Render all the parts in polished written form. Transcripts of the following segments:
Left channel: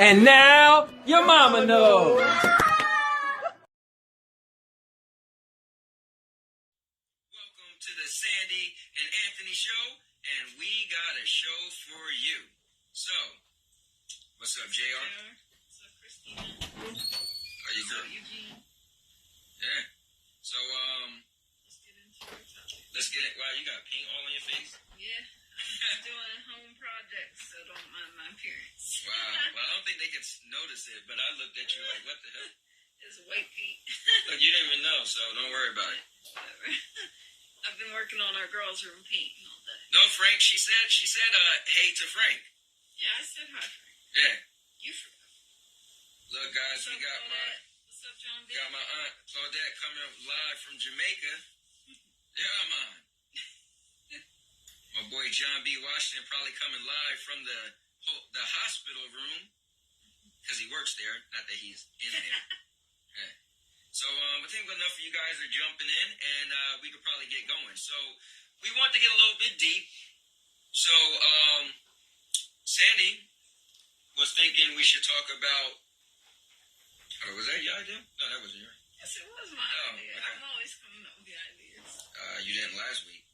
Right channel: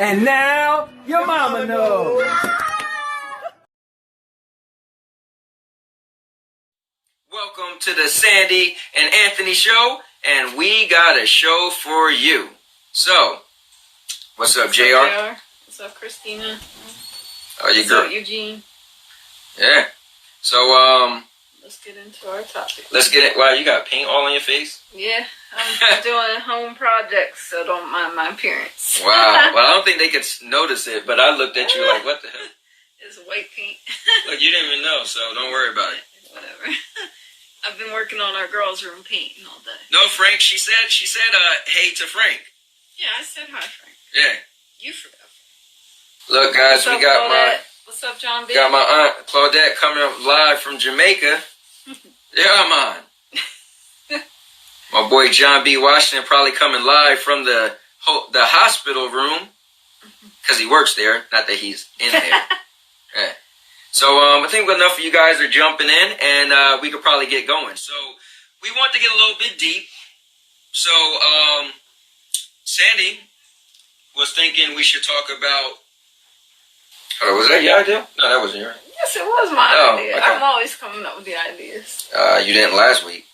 And now, your mama knows. Welcome to the Sandy and Anthony Show, and we got a show for you. So, what's up, JR? What's up, Christina? Oh, you What's girl. up, Eugene? Yeah. So, let's get into our topic. let's get it. Wow, you got paint all on your face? Yeah, I'm doing home projects, so don't mind my appearance. Wow. Well, I don't think they could notice it, but I looked at you like, what the hell? It's white paint. Look, you didn't even know, so don't worry about it. Whatever. I've been working on our girls' room painting all day. No, Frank, she said, hey to Frank. Yeah, I said hi, Frank. Yeah. You forgot. Look, guys, What's we up, got Claudette? What's up, John B? got my aunt Claudette coming up live from Jamaica. Yeah, man. My boy John B. Washington probably coming live from the hospital room because he works there. Not that he's in there. Yeah. So I think enough of you guys are jumping in, and we could probably get going. So we want to get a little bit deep. So Sandy was thinking we should talk about. Oh, was that your idea? No, that wasn't yours. Yes, it was my idea. Okay. I'm always coming up with the ideas. You didn't last week.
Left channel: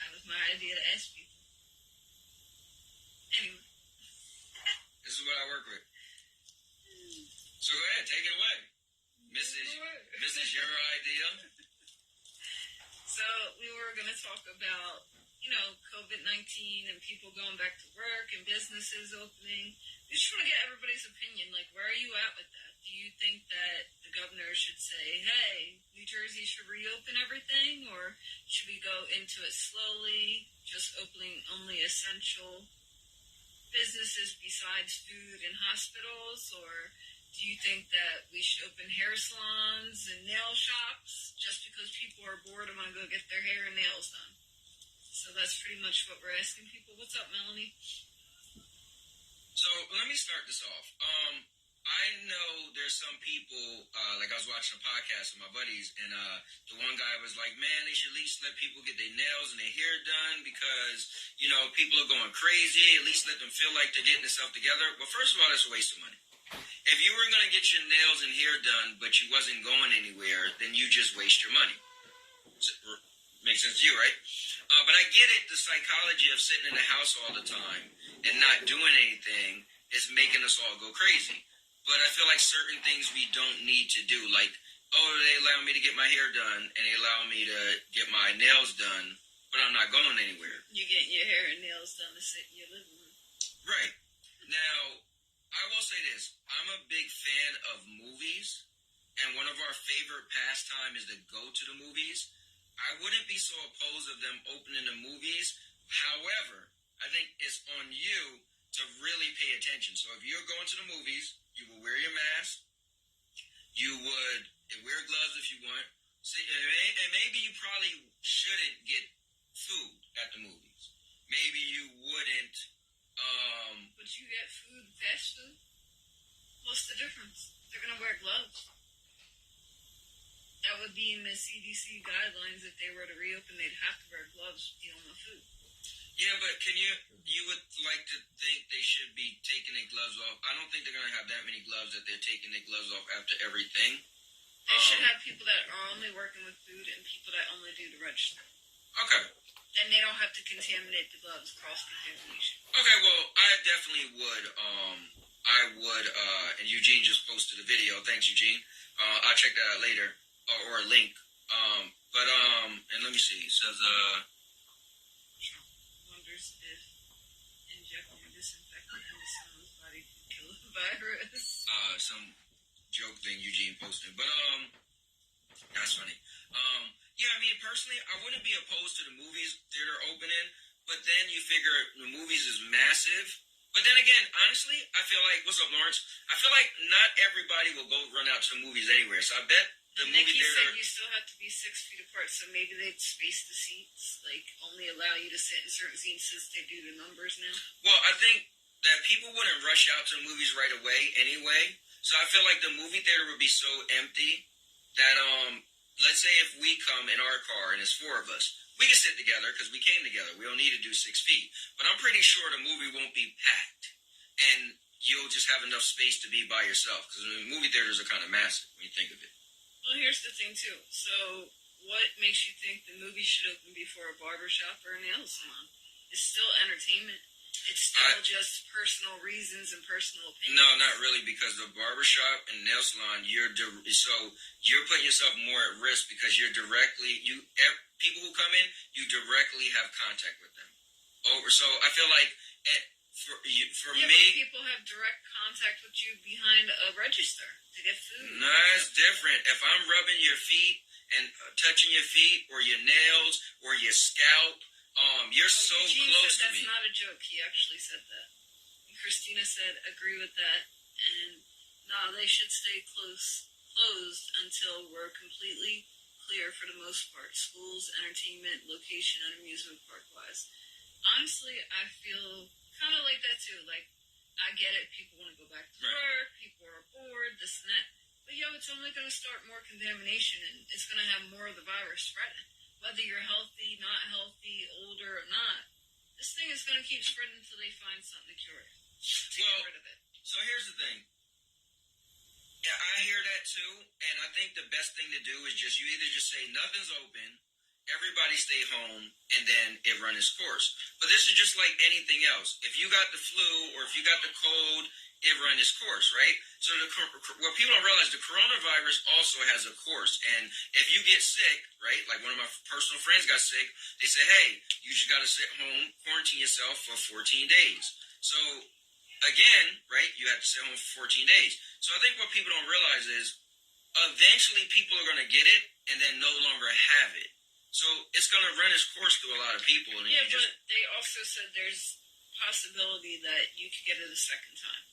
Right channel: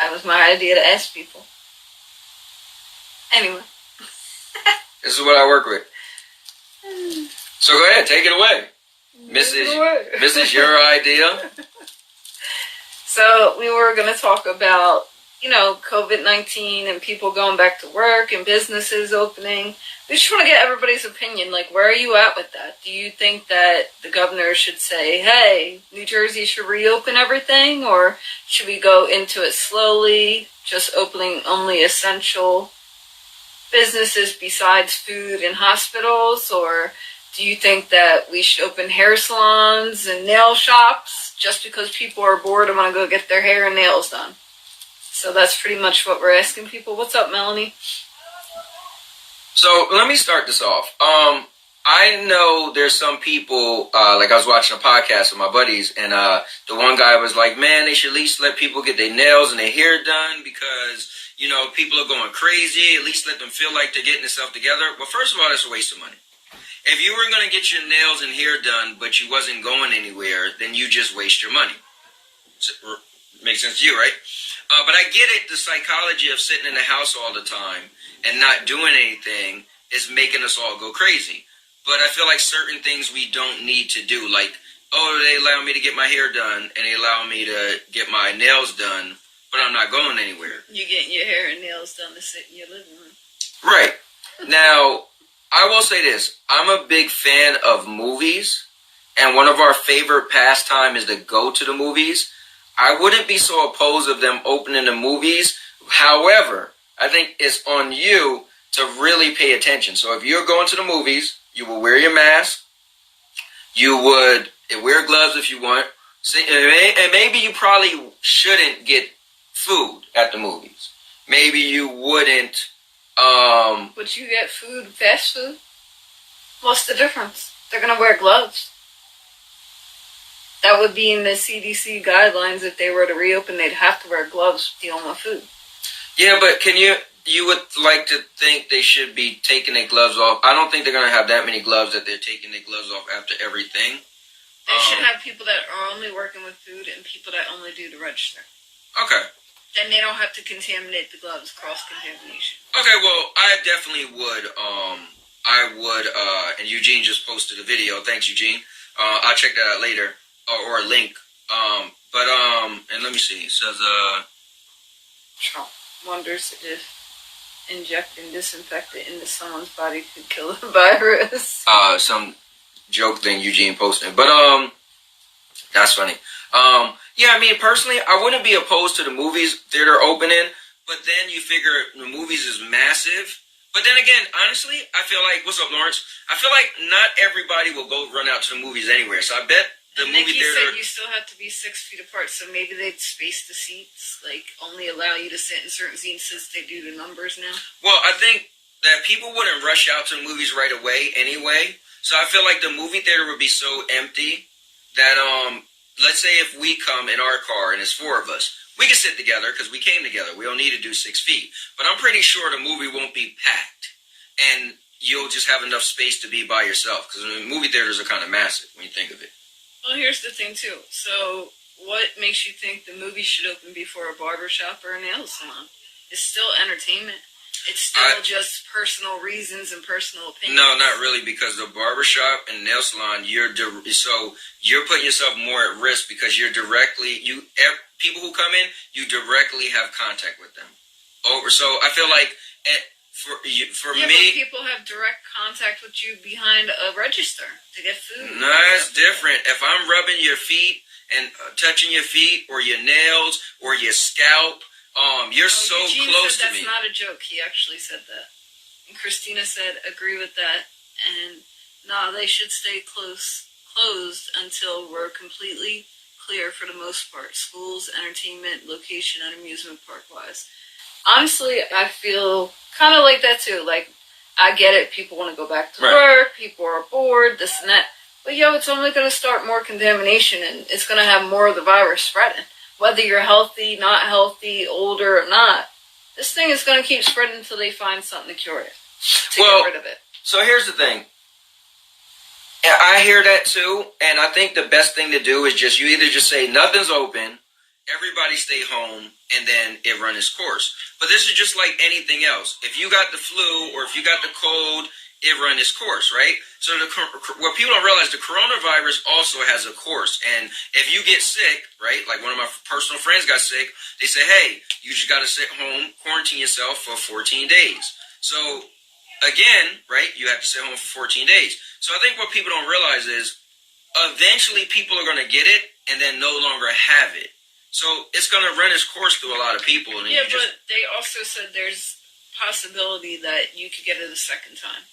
That was my idea to ask people. Anyway. This is what I work with. So go ahead, take it away. Mrs. Your idea. So we were going to talk about, COVID-19 and people going back to work and businesses opening. We just want to get everybody's opinion. Like, where are you at with that? Do you think that the governor should say, hey, New Jersey should reopen everything? Or should we go into it slowly, just opening only essential businesses besides food and hospitals? Or do you think that we should open hair salons and nail shops just because people are bored and want to go get their hair and nails done? So that's pretty much what we're asking people. What's up, Melanie? So let me start this off. I know there's some people, like I was watching a podcast with my buddies, and the one guy was like, man, they should at least let people get their nails and their hair done because, people are going crazy. At least let them feel like they're getting themselves together. Well, first of all, that's a waste of money. If you were going to get your nails and hair done, but you wasn't going anywhere, then you just waste your money. Makes sense to you, right? But I get it, the psychology of sitting in the house all the time and not doing anything is making us all go crazy. But I feel like certain things we don't need to do, like, they allow me to get my hair done and they allow me to get my nails done, but I'm not going anywhere. You're getting your hair and nails done to sit in your living room. Right. Now, I will say this. I'm a big fan of movies, and one of our favorite pastime is to go to the movies. I wouldn't be so opposed of them opening the movies. However, I think it's on you to really pay attention. So if you're going to the movies, you will wear your mask. You would wear gloves if you want. And maybe you probably shouldn't get food at the movies. Maybe you wouldn't. Would you get food, fast food? What's the difference? They're going to wear gloves. That would be in the CDC guidelines. If they were to reopen, they'd have to wear gloves dealing with food. Yeah, but you would like to think they should be taking their gloves off. I don't think they're going to have that many gloves that they're taking their gloves off after everything. They should have people that are only working with food and people that only do the register. Okay. Then they don't have to contaminate the gloves, cross-contamination. Okay, well, I definitely would. And Eugene just posted a video. Thanks, Eugene. I'll check that out later. Or a link. And let me see. It says, Trump wonders if injecting disinfectant into someone's body could kill the virus. Some joke thing Eugene posted. But, that's funny. Yeah, I mean, personally, I wouldn't be opposed to the movies theater opening, but then you figure the movies is massive. But then again, honestly, I feel like, what's up, Lawrence? I feel like not everybody will go run out to the movies anywhere. So I bet the movie theater. Said you still have to be 6 feet apart, so maybe they'd space the seats, like only allow you to sit in certain seats since they do the numbers now. Well, I think that people wouldn't rush out to the movies right away anyway. So I feel like the movie theater would be so empty that let's say if we come in our car and it's 4 of us, we can sit together because we came together. We don't need to do 6 feet. But I'm pretty sure the movie won't be packed. And you'll just have enough space to be by yourself. Because movie theaters are kind of massive when you think of it. Well, here's the thing, too. So, what makes you think the movie should open before a barbershop or a nail salon? It's still entertainment. It's still just personal reasons and personal opinions. No, not really, because the barbershop and nail salon, you're putting yourself more at risk because people who come in, you directly have contact with them. So I feel like for yeah, me, but people have direct contact with you behind a register to get food. No, it's different. If I'm rubbing your feet and touching your feet or your nails or your scalp, you're so Eugene close said to me. That's not a joke. He actually said that. And Christina said, agree with that. And no, they should stay closed until we're completely clear for the most part. Schools, entertainment, location, and amusement park-wise. Honestly, I feel kind of like that too. Like, I get it. People want to go back to work. People are bored, this and that. But, it's only going to start more contamination, and it's going to have more of the virus spreading. Whether you're healthy, not healthy, older or not, this thing is going to keep spreading until they find something to cure it, get rid of it. So here's the thing. I hear that too, and I think the best thing to do is you either just say nothing's open, everybody stay home, and then it run its course. But this is just like anything else. If you got the flu or if you got the cold, it run its course, right? So what people don't realize, the coronavirus also has a course. And if you get sick, right, like one of my personal friends got sick, they say, hey, you just got to sit home, quarantine yourself for 14 days. So again, right, you have to sit home for 14 days. So I think what people don't realize is eventually people are going to get it and then no longer have it. So it's going to run its course through a lot of people. And but they also said there's possibility that you could get it a second time.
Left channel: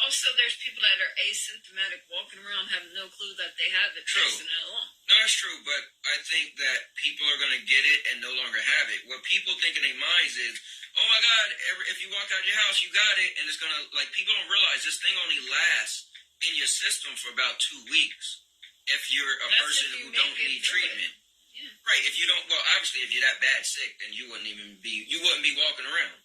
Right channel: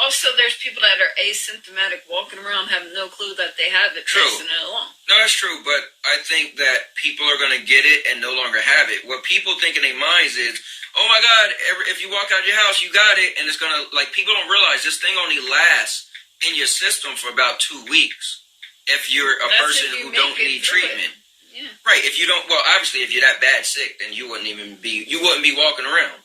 Also, there's people that are asymptomatic walking around having no clue that they have it, passing it along. No, that's true, but I think that people are going to get it and no longer have it. What people think in their minds is, oh my God, if you walk out of your house, you got it, and it's going to, people don't realize this thing only lasts in your system for about 2 weeks if you're a person who don't need treatment. Yeah. Right, if you don't, well, obviously, if you're that bad sick, then you wouldn't be walking around,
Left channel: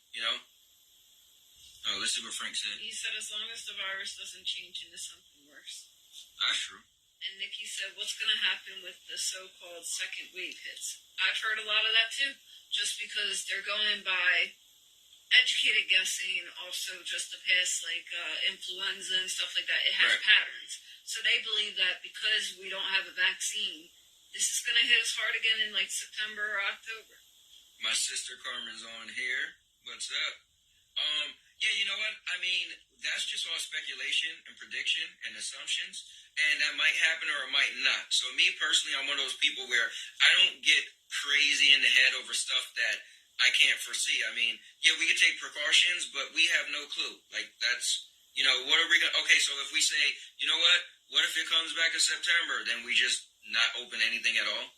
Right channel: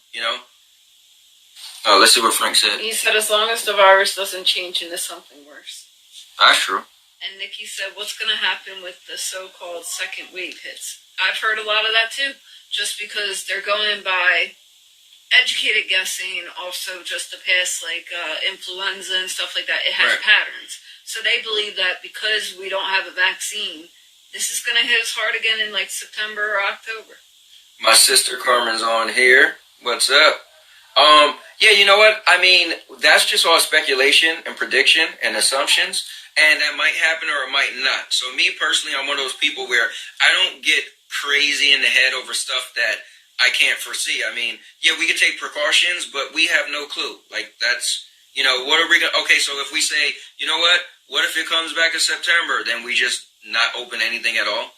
Oh, let's see what Frank said. He said as long as the virus doesn't change into something worse. That's true. And Nikki said, what's going to happen with the so-called second wave hits? I've heard a lot of that too, just because they're going by educated guessing, also just the past, influenza and stuff like that. It has patterns. So they believe that because we don't have a vaccine, this is going to hit us hard again in September or October. My sister Carmen's on here. What's up? Yeah, you know what? I mean, that's just all speculation and prediction and assumptions, and that might happen or it might not. So me personally, I'm one of those people where I don't get crazy in the head over stuff that I can't foresee. I mean, yeah, we could take precautions, but we have no clue. That's, what are we going to... Okay, so if we say, you know what if it comes back in September, then we just not open anything at all?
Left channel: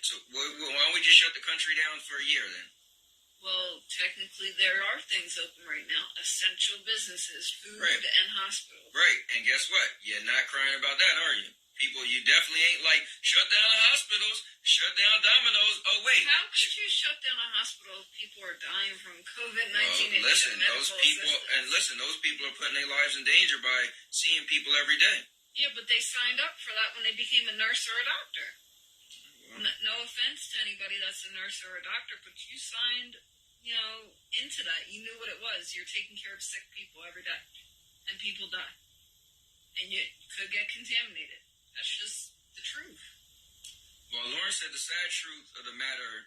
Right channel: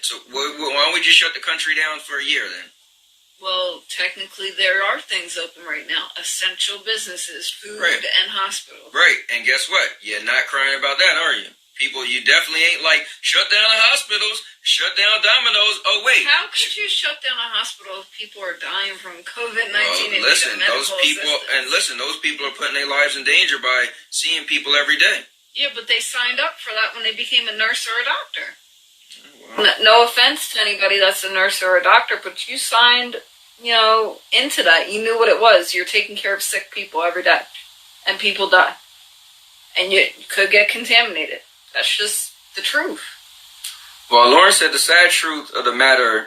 So why don't we just shut the country down for a year then? Well, technically, there are things open right now. Essential businesses, food, and hospitals. Right, and guess what? You're not crying about that, are you? People, you definitely ain't shut down the hospitals, shut down Domino's. Oh, wait. How could you shut down a hospital if people are dying from COVID-19 and those people are putting their lives in danger by seeing people every day. Yeah, but they signed up for that when they became a nurse or a doctor. No offense to anybody that's a nurse or a doctor, but you signed, into that. You knew what it was. You're taking care of sick people every day, and people die. And you could get contaminated. That's just the truth. Well, Lauren said the sad truth of the matter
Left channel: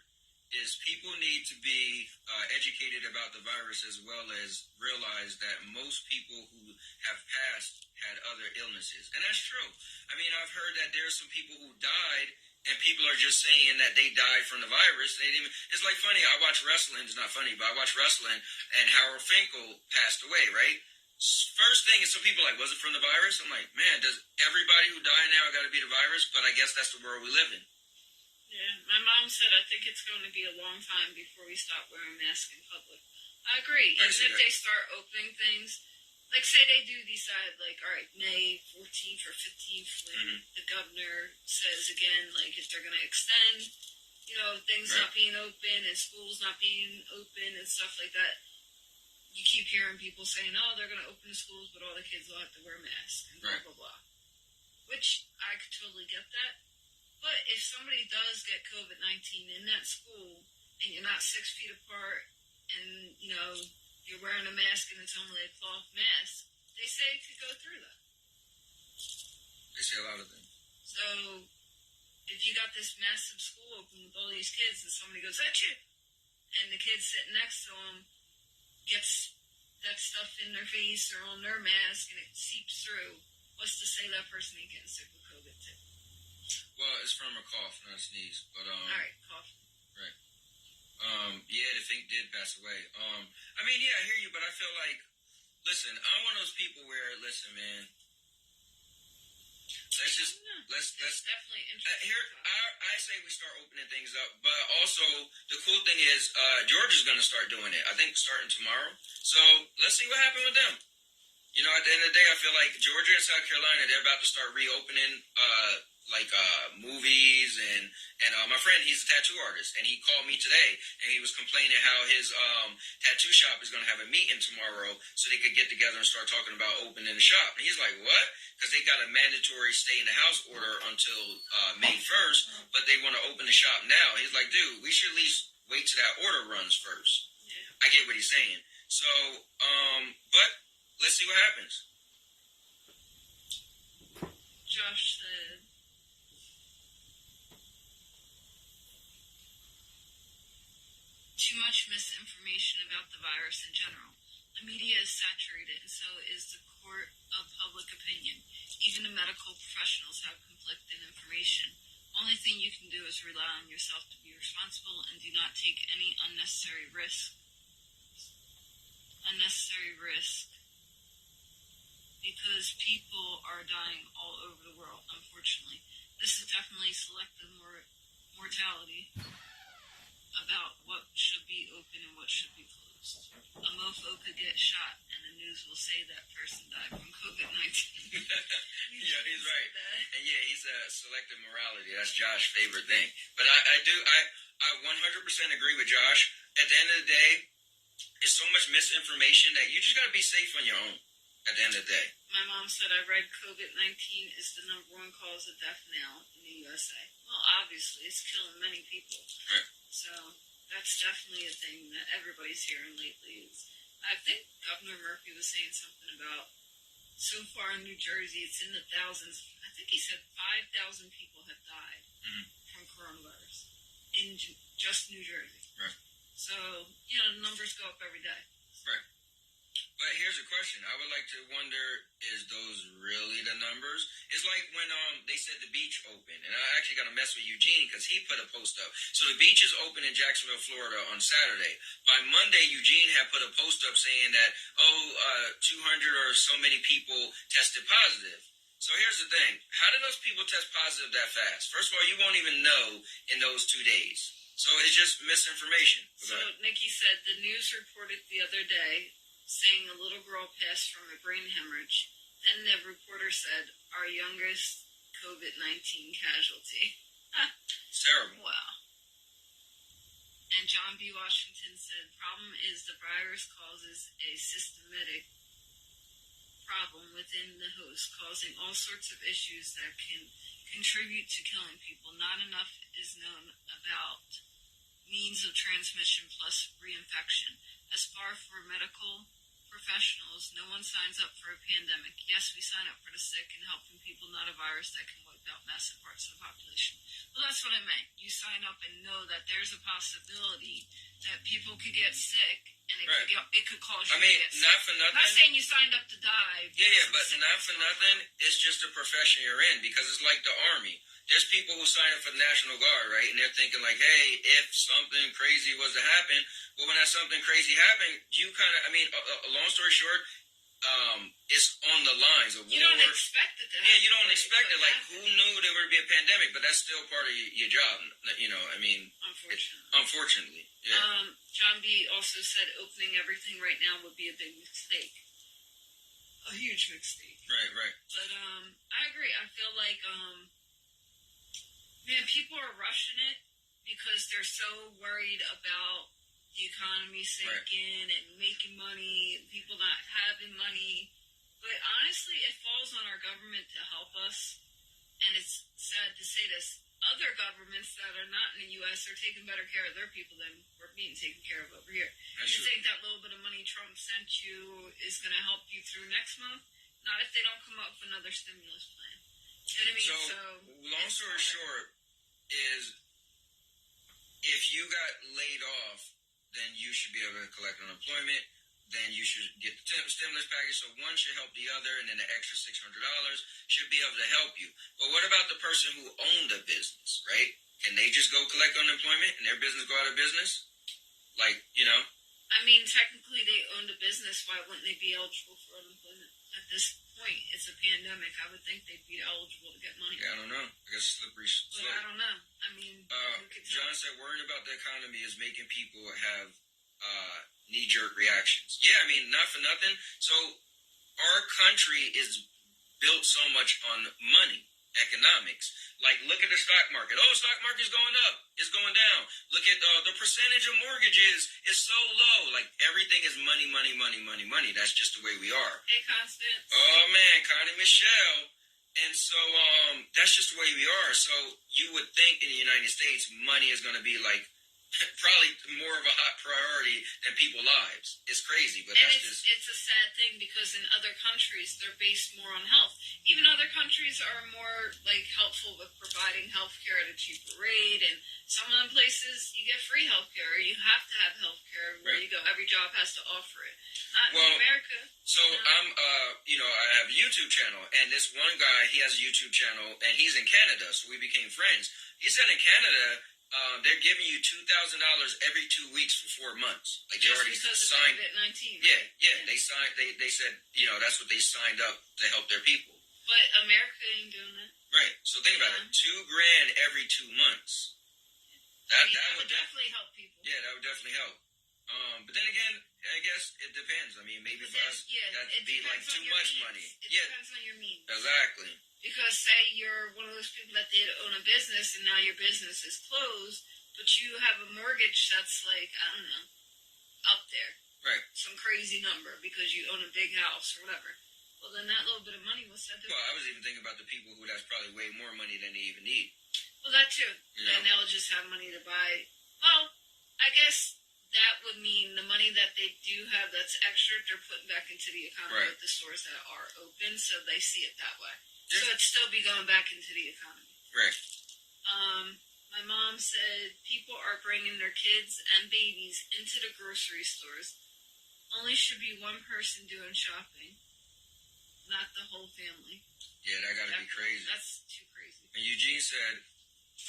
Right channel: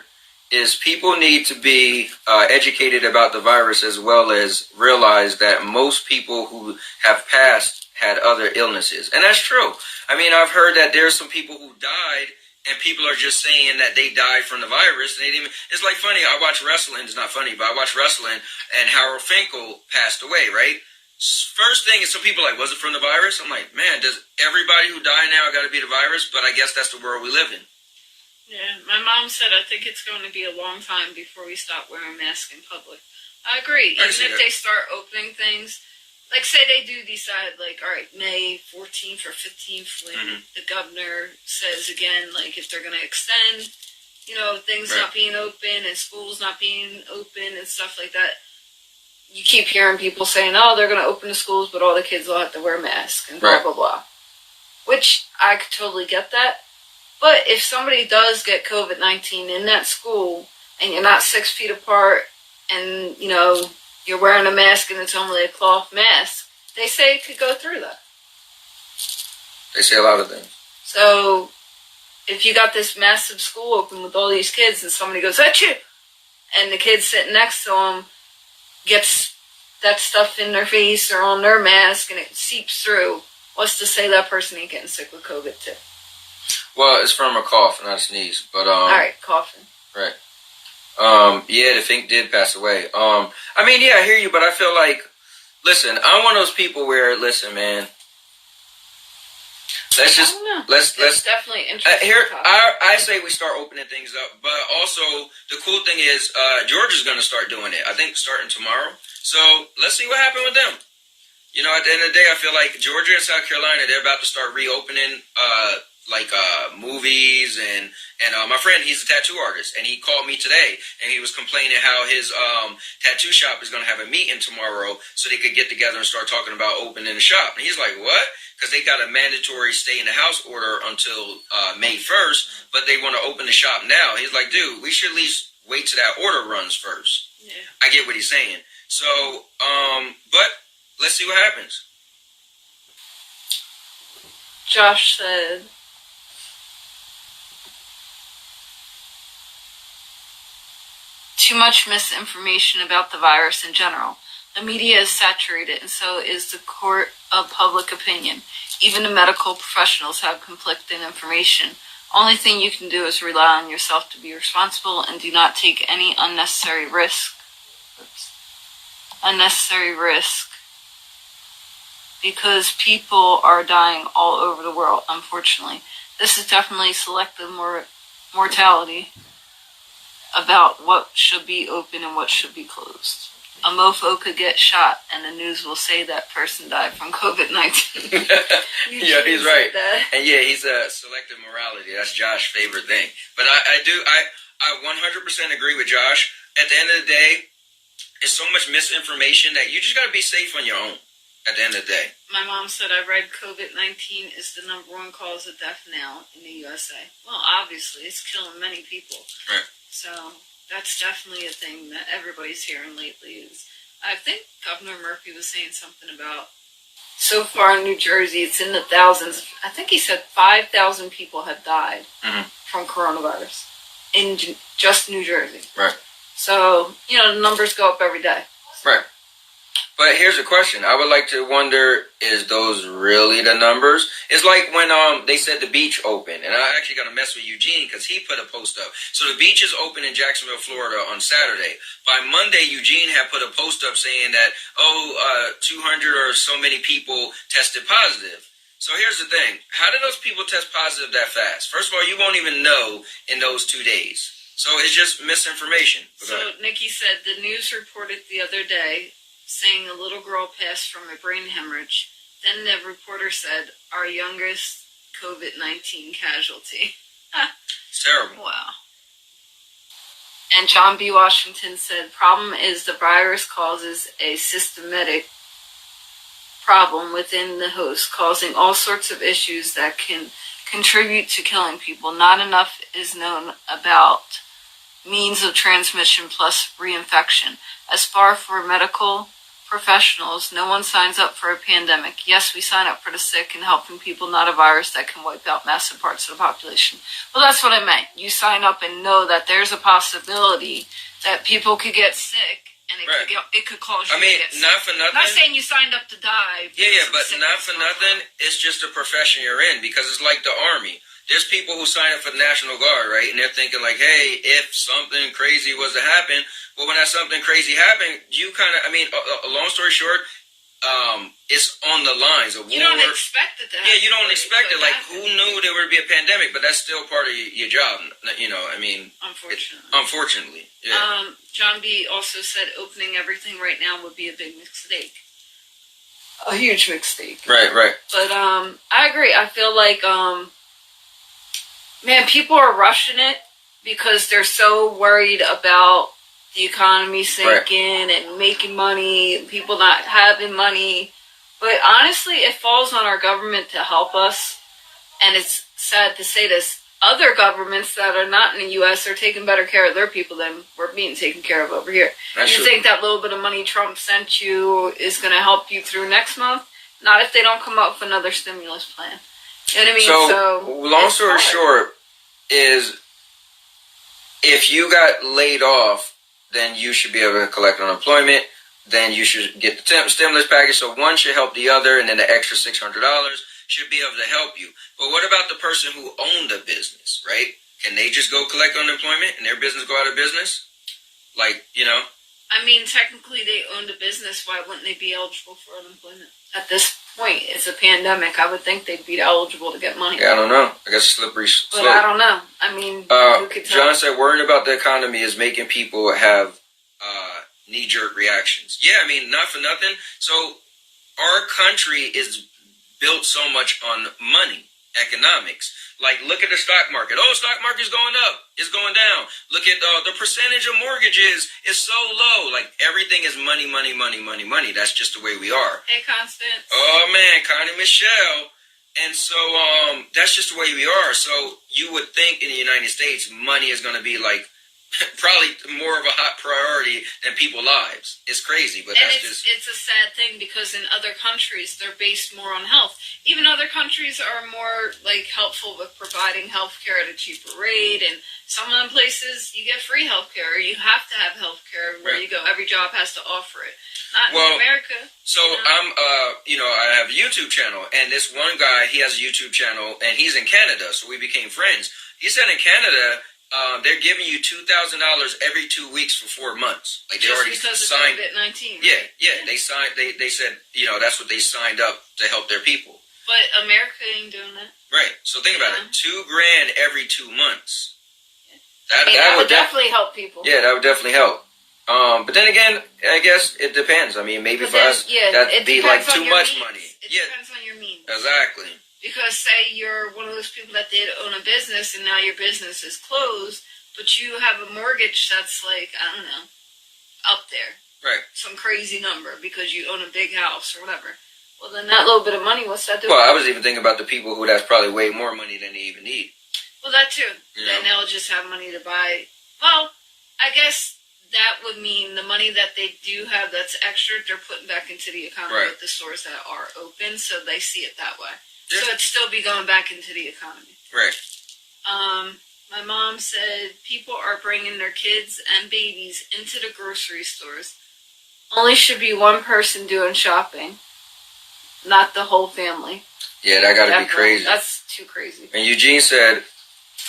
is people need to be educated about the virus as well as realize that most people who have passed had other illnesses. And that's true. I mean, I've heard that there's some people who died and people are just saying that they died from the virus. They didn't. It's funny. I watch wrestling. It's not funny, but I watch wrestling, and Harold Finkel passed away. Right. First thing is, some people are like, was it from the virus? I'm like, man, does everybody who die now got to be the virus? But I guess that's the world we live in. Yeah, my mom said I think it's going to be a long time before we stop wearing masks in public. I agree. Even if they start opening things. Say they do decide, all right, May 14th or 15th, when the governor says again, if they're going to extend, things not being open and schools not being open and stuff like that. you keep hearing people saying, "Oh, they're going to open the schools, but all the kids will have to wear masks and blah blah blah," which I could totally get that. But if somebody does get COVID-19 in that school and you're not 6 feet apart and, you're wearing a mask and it's only a cloth mask, they say it could go through that. They say a lot of things. So if you got this massive school open with all these kids and somebody goes, "Achoo!" and the kid sitting next to them gets that stuff in their face or on their mask and it seeps through, what's to say that person ain't getting sick with COVID too? Well, it's from a cough, not a sneeze. But all right, coughing. Right. Yeah, the Fink did pass away. I hear you, but I feel like, listen, I'm one of those people where, listen, man, let's definitely interesting. I say we start opening things up, but also the cool thing is Georgia's going to start doing it. I think starting tomorrow. So let's see what happens with them. At the end of the day, I feel like Georgia and South Carolina, they're about to start reopening movies and my friend, he's a tattoo artist, and he called me today and he was complaining how his tattoo shop is going to have a meeting tomorrow so they could get together and start talking about opening the shop. And he's like, what? Because they got a mandatory stay in the house order until May 1st, but they want to open the shop now. He's like, dude, we should at least wait till that order runs first. Yeah. I get what he's saying. So, but let's see what happens. Josh said, too much misinformation about the virus in general. The media is saturated, and so is the court of public opinion. Even the medical professionals have conflicting information. Only thing you can do is rely on yourself to be responsible and do not take any unnecessary risk. Because people are dying all over the world, unfortunately. This is definitely selective mortality about what should be open and what should be closed. A mofo could get shot, and the news will say that person died from COVID-19. Yeah, he's right. And yeah, he's a selective morality. That's Josh's favorite thing. But I 100% agree with Josh. At the end of the day, it's so much misinformation that you just got to be safe on your own. At the end of the day. My mom said I read COVID-19 is the #1 cause of death now in the USA. Well, obviously, it's killing many people. Right. So that's definitely a thing that everybody's hearing lately. I think Governor Murphy was saying something about, so far in New Jersey, it's in the thousands. I think he said 5,000 people have died from coronavirus in just New Jersey. Right. So, the numbers go up every day. Right. But here's a question. I would like to wonder, is those really the numbers? It's like when they said the beach open, and I actually got to mess with Eugene because he put a post up. So the beach is open in Jacksonville, Florida on Saturday. By Monday, Eugene had put a post up saying that, 200 or so many people tested positive. So here's the thing. How did those people test positive that fast? First of all, you won't even know in those 2 days. So it's just misinformation. So Nikki said the news reported the other day saying a little girl passed from a brain hemorrhage. Then the reporter said, our youngest COVID-19 casualty. It's terrible. Wow. And John B. Washington said, problem is the virus causes a systematic problem within the host, causing all sorts of issues that can contribute to killing people. Not enough is known about means of transmission plus reinfection. As far for medical professionals, no one signs up for a pandemic. Yes, we sign up for the sick and helping people, not a virus that can wipe out massive parts of the population. Well, that's what I meant. You sign up and know that there's a possibility that people could get sick and it could cause you to get sick. Not for nothing. I'm not saying you signed up to die. Yeah, but not for nothing. It's just a profession you're in because it's like the Army. There's people who sign up for the National Guard, right? And they're thinking like, hey, if something crazy was to happen, well, when that something crazy happened, you kind of, a long story short, it's on the lines of war. You don't expect it to happen. Yeah, you don't expect it. Like, who knew there would be a pandemic? But that's still part of your job, Unfortunately. Yeah. John B. also said opening everything right now would be a big mistake. A huge mistake. Right. But I agree. I feel like, man, people are rushing it because they're so worried about the economy sinking and making money, people not having money. But honestly, it falls on our government to help us. And it's sad to say this. Other governments that are not in the U.S. are taking better care of their people than we're being taken care of over here. That's you true. think that little bit of money Trump sent you is going to help you through next month? Not if they don't come up with another stimulus plan. You know what I mean? So long story short is, if you got laid off, then you should be able to collect unemployment. Then you should get the stimulus package. So one should help the other, and then the extra $600 should be able to help you. But what about the person who owned a business, right? Can they just go collect unemployment and their business go out of business? Like, you know? I mean, technically they owned a business. Why wouldn't they be eligible for unemployment? At this point, it's a pandemic. I would think they'd be eligible to get money. Yeah, I don't know. I guess slippery slope. But I don't know. I mean, who could tell? John said worrying about the economy is making people have knee-jerk reactions. Yeah, I mean, not for nothing. So our country is built so much on money, economics. Like, look at the stock market. Oh, stock market's going up. It's going down. Look at the percentage of mortgages is so low. Like, everything is money, money, money, money, money. That's just the way we are. Hey, Constance. Oh, man, Connie Michelle. And so that's just the way we are. So you would think in the United States, money is going to be like probably more of a hot priority than people's lives. It's crazy, but it's a sad thing because in other countries they're based more on health. Even other countries are more like helpful with providing health care at a cheaper rate, and some of them places you get free health care. You have to have health care where you go. Every job has to offer it. Not in America. So I'm I have a YouTube channel, and this one guy, he has a YouTube channel, and he's in Canada, so we became friends. He said in Canada, they're giving you $2,000 every 2 weeks for 4 months. Like, they just already because signed. Of COVID-19. Yeah. They signed. They said, that's what they signed up to help their people. But America ain't doing that. Right. So think about it. $2,000 every 2 months. That would definitely help people. Yeah, that would definitely help. But then again, I guess it depends. I mean, maybe for us, that'd be like too much money. It depends on your means. Exactly. Because say you're one of those people that did own a business and now your business is closed, but you have a mortgage that's like, I don't know, up there. Right. Some crazy number because you own a big house or whatever. Well, then that little bit of money, what's that doing? Well, I was even thinking about the people who that's probably way more money than they even need. Well, that too. Then they'll just have money to buy. Well, I guess that would mean the money that they do have that's extra, they're putting back into the economy with the stores that are open, so they see it that way. Yeah. So it'd still be going back into the economy. Right. My mom said people are bringing their kids and babies into the grocery stores. Only should be one person doing shopping, not the whole family. Yeah, that got to be crazy. That's too crazy. And Eugene said,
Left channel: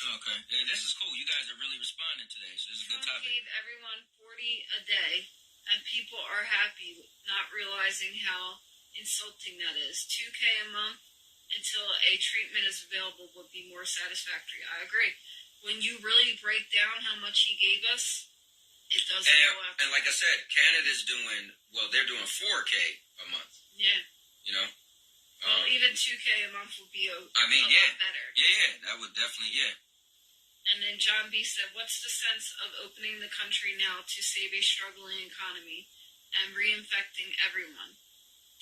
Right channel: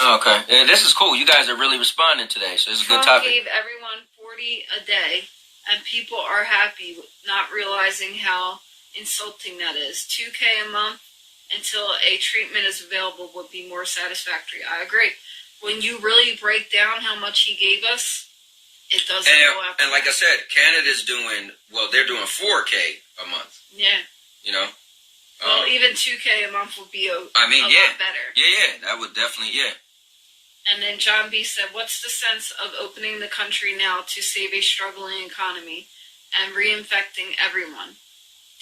okay, yeah, this is cool. You guys are really responding today, so it's a good topic. Trump gave everyone $40 a day, and people are happy, not realizing how insulting that is. $2K a month until a treatment is available would be more satisfactory. I agree. When you really break down how much he gave us, it doesn't go after. And like I said, Canada's doing, they're doing $4K a month. Yeah. You know? Well, even $2K a month would be a lot better. Yeah, that would definitely, And then John B. said, what's the sense of opening the country now to save a struggling economy and reinfecting everyone?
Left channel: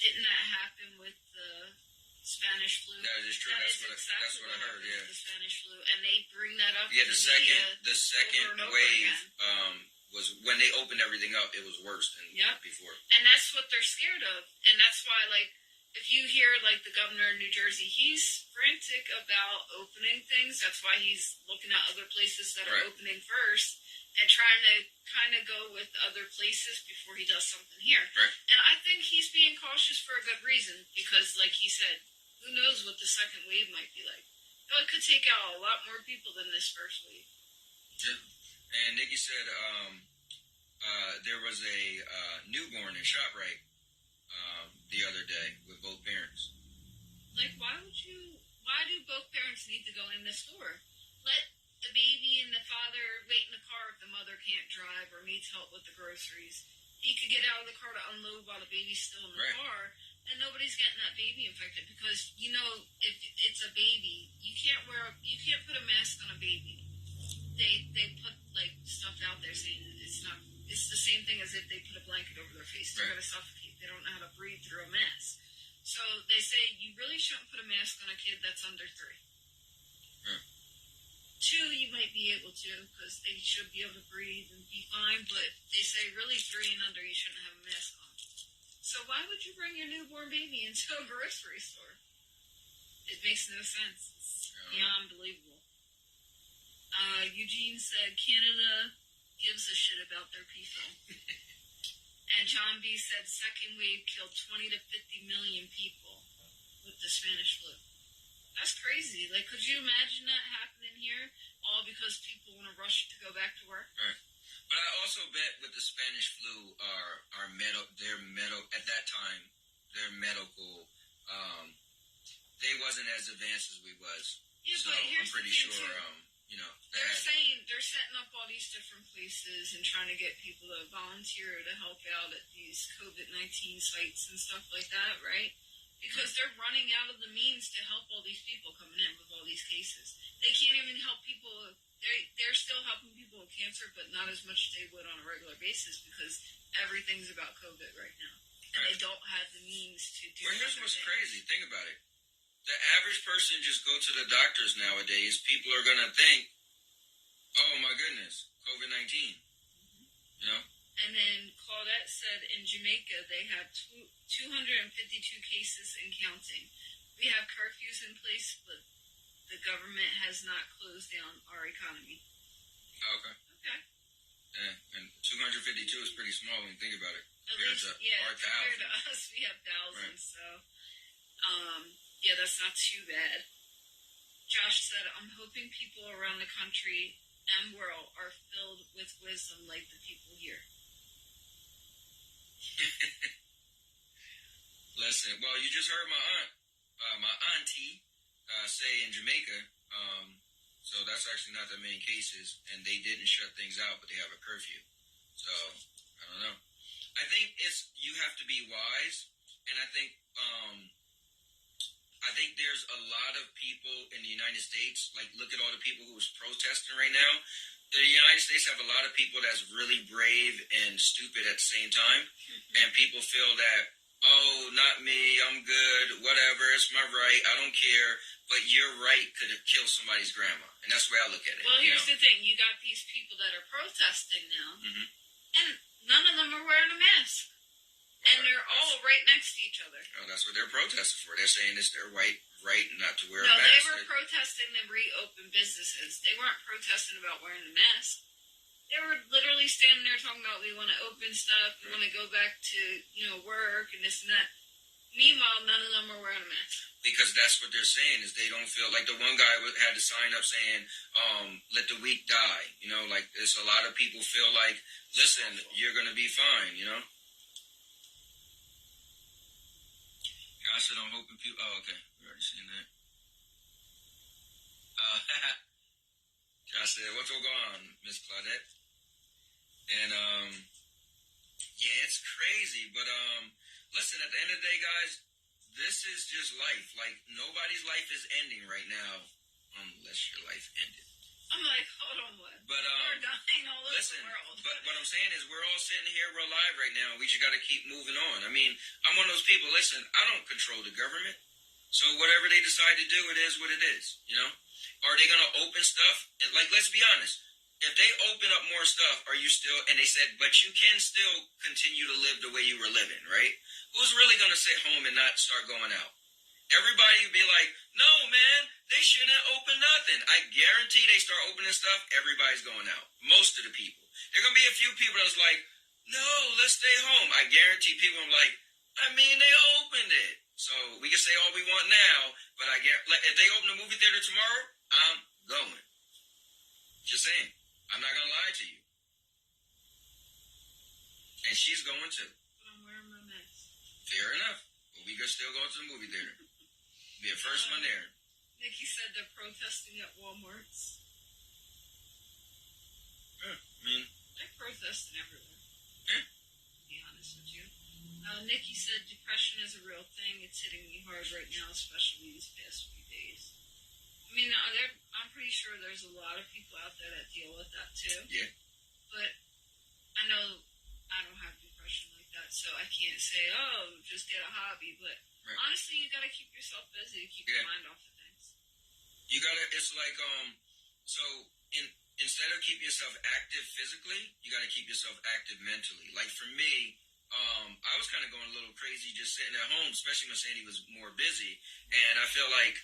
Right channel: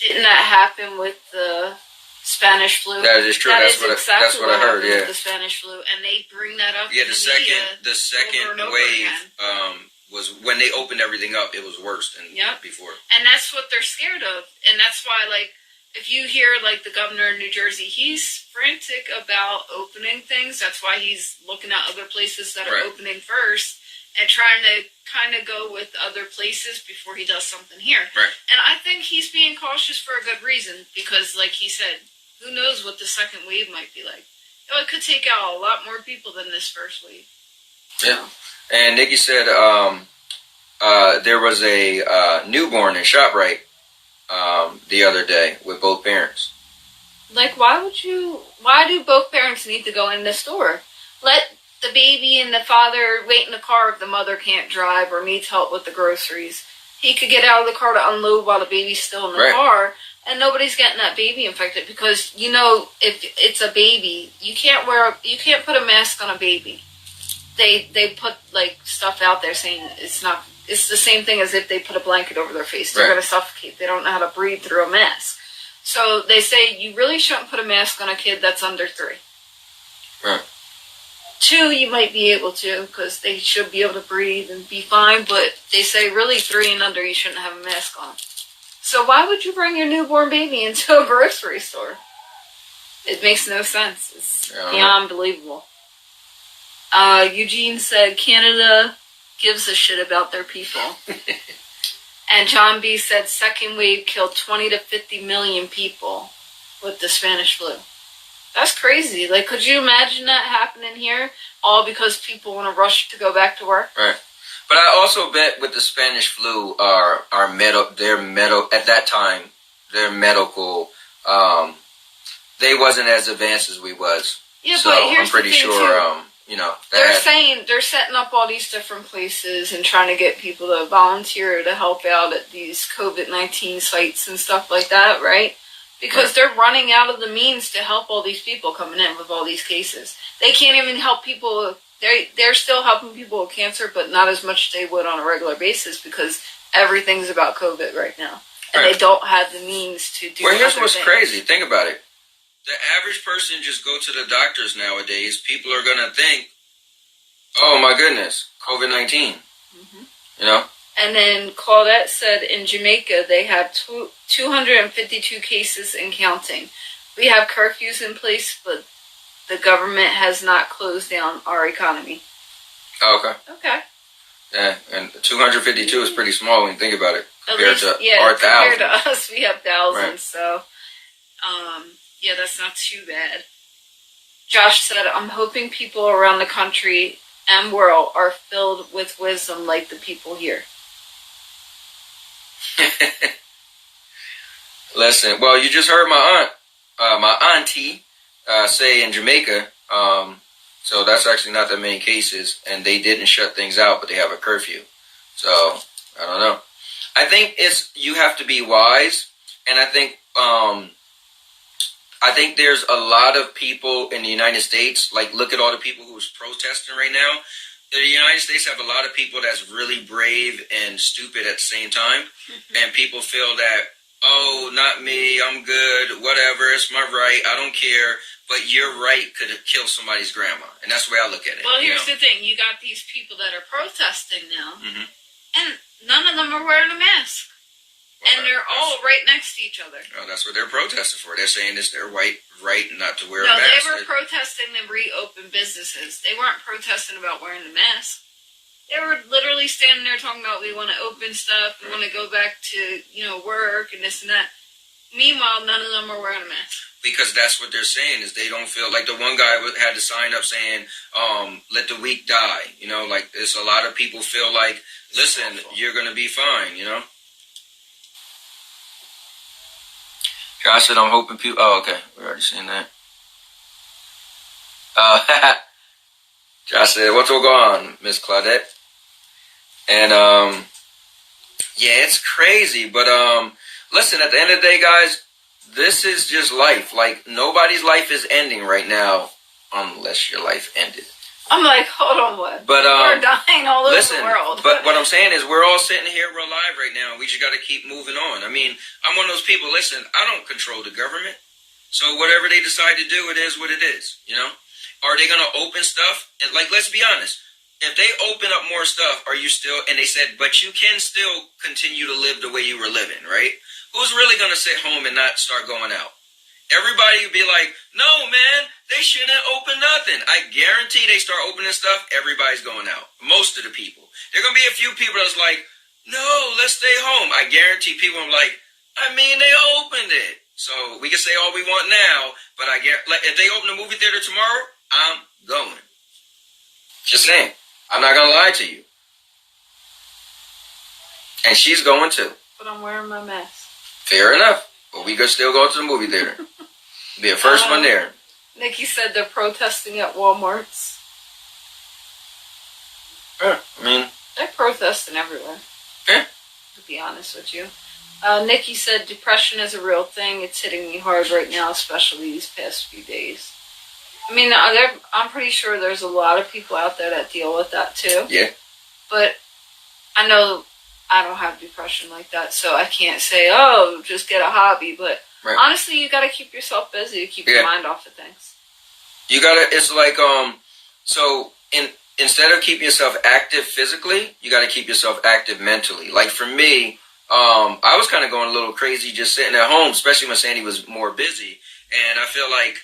Didn't that happen with the Spanish flu? That is true. That's what I heard, with the Spanish flu. And they bring that up in the over second and over wave again. Was when they opened everything up, it was worse than before. And that's what they're scared of. And that's why, like, if you hear, like, the governor of New Jersey, he's frantic about opening things. That's why he's looking at other places that are opening first and trying to kind of go with other places before he does something here. Right. And I think he's being cautious for a good reason because, like he said, who knows what the second wave might be like. It could take out a lot more people than this first wave. Yeah. And Nikki said there was a newborn in ShopRite the other day with both parents. Like, why do both parents need to go in the store? Let the baby and the father wait in the car if the mother can't drive or needs help with the groceries. He could get out of the car to unload while the baby's still in the car, and nobody's getting that baby infected because, if it's a baby, you can't put a mask on a baby. They put, like, stuff out there saying it's it's the same thing as if they put a blanket over their face. They're Right. going to suffocate. They don't know how to breathe through a mask. So they say you really shouldn't put a mask on a kid that's under 3. Right. 2, you might be able to because they should be able to breathe and be fine. But they say really 3 and under, you shouldn't have a mask on. So why would you bring your newborn baby into a grocery store? It makes no sense. It's beyond believable. Eugene said Canada gives a shit about their people. And John B. said second wave killed 20 to 50 million people with the Spanish flu. That's crazy. Like, could you imagine that happening here? All because people want to rush to go back to work? Right. But I also bet with the Spanish flu, at that time, their medical, they wasn't as advanced as we was. Yeah, so but here's I'm pretty the thing sure, too. They're setting up all these different places and trying to get people to volunteer to help out at these COVID-19 sites and stuff like that, right? Because they're running out of the means to help all these people coming in with all these cases. They can't even help people. They're still helping people with cancer, but not as much as they would on a regular basis because everything's about COVID right now. And they don't have the means to do. Well, here's what's crazy. Think about it. The average person just go to the doctors nowadays. People are going to think, oh my goodness, COVID-19. Mm-hmm. You know? And then Claudette said in Jamaica they have 252 cases and counting. We have curfews in place, but the government has not closed down our economy. Oh, okay. Okay. Yeah, and 252 is pretty small when you think about it. Compared to our compared thousands. to us, we have thousands. Right. So, yeah, that's not too bad. Josh said, I'm hoping people around the country and world are filled with wisdom like the people here. Listen, well, you just heard my auntie say in Jamaica, so that's actually not that many cases, and they didn't shut things out, but they have a curfew. So, I don't know. I think you have to be wise, and I think there's a lot of people in the United States, like look at all the people who's protesting right now. The United States have a lot of people that's really brave and stupid at the same time, and people feel that, oh, not me, I'm good, whatever, it's my right, I don't care, but your right could kill somebody's grandma, and that's the way I look at it. Well, here's the thing, you got these people that are protesting now, and none of them are wearing a mask. And they're all right next to each other. Oh, that's what they're protesting for. They're saying it's their right not to wear a mask. No, they were protesting to reopen businesses. They weren't protesting about wearing the mask. They were literally standing there talking about we want to open stuff, we want to go back to, work and this and that. Meanwhile, none of them are wearing a mask. Because that's what they're saying is they don't feel like the one guy had to sign up saying, let the weak die. Like there's a lot of people feel like, listen, you're going to be fine, Josh said, I'm hoping people... Oh, okay. We're already seen that. Josh said, what's going on, Miss Claudette? And, yeah, it's crazy. But, listen, at the end of the day, guys, this is just life. Like, nobody's life is ending right now unless your life ended. I'm like, hold on, what? But, we're dying all over the world. But what I'm saying is we're all sitting here, we're alive right now. We just got to keep moving on. I mean, I'm one of those people, listen, I don't control the government. So whatever they decide to do, it is what it is, Are they going to open stuff? And like, let's be honest. If they open up more stuff, are you still, and they said, but you can still continue to live the way you were living, right? Who's really going to sit home and not start going out? Everybody would be like, no, man, they shouldn't open nothing. I guarantee they start opening stuff, everybody's going out. Most of the people. There are going to be a few people that's like, no, let's stay home. I guarantee people are like, I mean, they opened it. So we can say all we want now, but I guarantee, like, if they open the movie theater tomorrow, I'm going. Just saying. I'm not going to lie to you. And she's going too. But I'm wearing my mask. Fair enough. But we could still go to the movie theater. Be the first one there. Nikki said they're protesting at Walmarts. Yeah, I mean... They're protesting everywhere. Yeah. To be honest with you. Nikki said depression is a real thing. It's hitting me hard right now, especially these past few days. I mean, I'm pretty sure there's a lot of people out there that deal with that too. Yeah. But I know I don't have depression like that, so I can't say, oh, just get a hobby. But honestly, you got to keep yourself busy to keep your mind off of things. You gotta. It's like instead of keeping yourself active physically, you got to keep yourself active mentally. Like for me, I was kind of going a little crazy just sitting at home, especially when Sandy was more busy. And I feel like,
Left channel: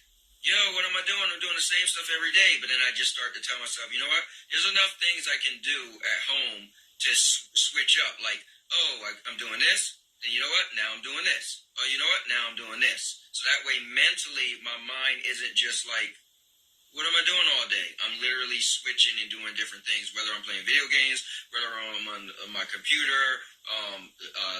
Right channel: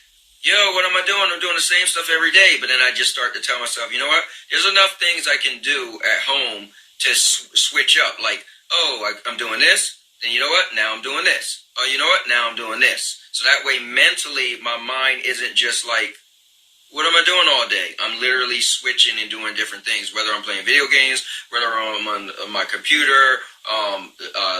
yo, what am I doing? I'm doing the same stuff every day. But then I just start to tell myself, you know what? There's enough things I can do at home to switch up. Like, oh, I'm doing this. Then you know what? Now I'm doing this. Oh, you know what? Now I'm doing this. So that way mentally my mind isn't just like, what am I doing all day? I'm literally switching and doing different things, whether I'm playing video games, whether I'm on my computer,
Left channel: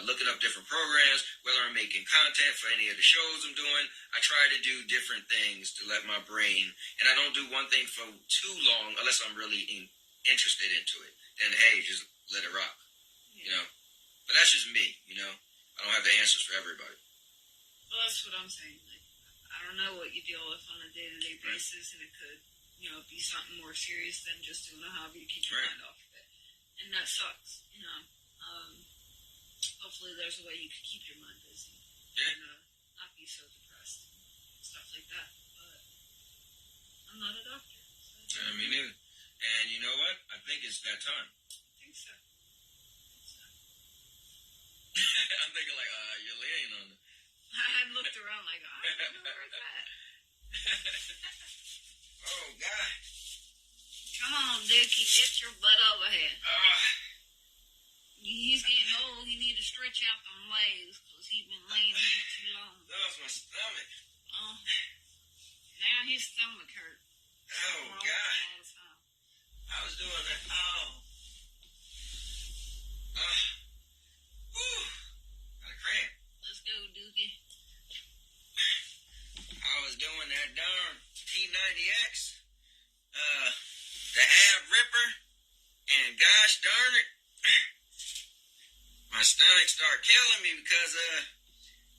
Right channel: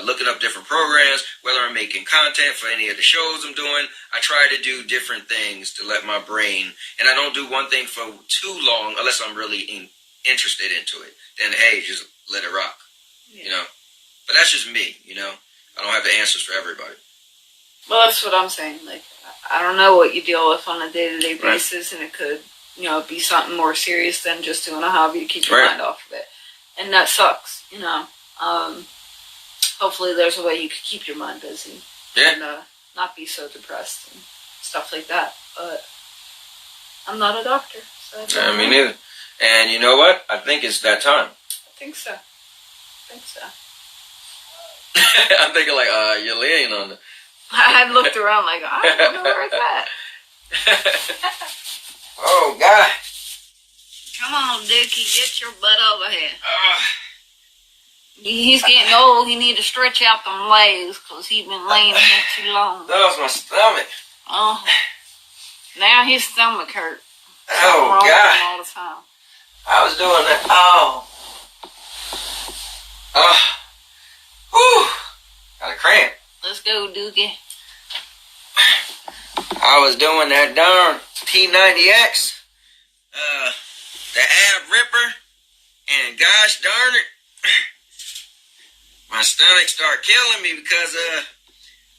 looking up different programs, whether I'm making content for any of the shows I'm doing. I try to do different things to let my brain, and I don't do one thing for too long unless I'm really interested into it. Then, hey, just let it rock, you know? But that's just me, you know? I don't have the answers for everybody. Well, that's what I'm saying. Like, I don't know what you deal with on a day-to-day basis, and it could, you know, be something more serious than just doing a hobby to keep your mind off of it. And that sucks, you know. Hopefully there's a way you could keep your mind busy. Yeah. And not be so depressed and stuff like that. But I'm not a doctor, so I don't know. Me neither. And you know what? I think it's that time. I think so. I'm thinking like, you're laying on the... I looked around like, I don't know where it's at. Oh, God. Come on, Dookie, get your butt over here. He's getting old. He need to stretch out them legs because he's been laying here too long. That was my stomach. Oh, now his stomach hurt. Oh, God. All the time. I was doing that. Oh. Whew. Got a cramp. Let's go, Dookie. I was doing that darn T90X, the ab ripper, and gosh darn it, my stomach started killing me because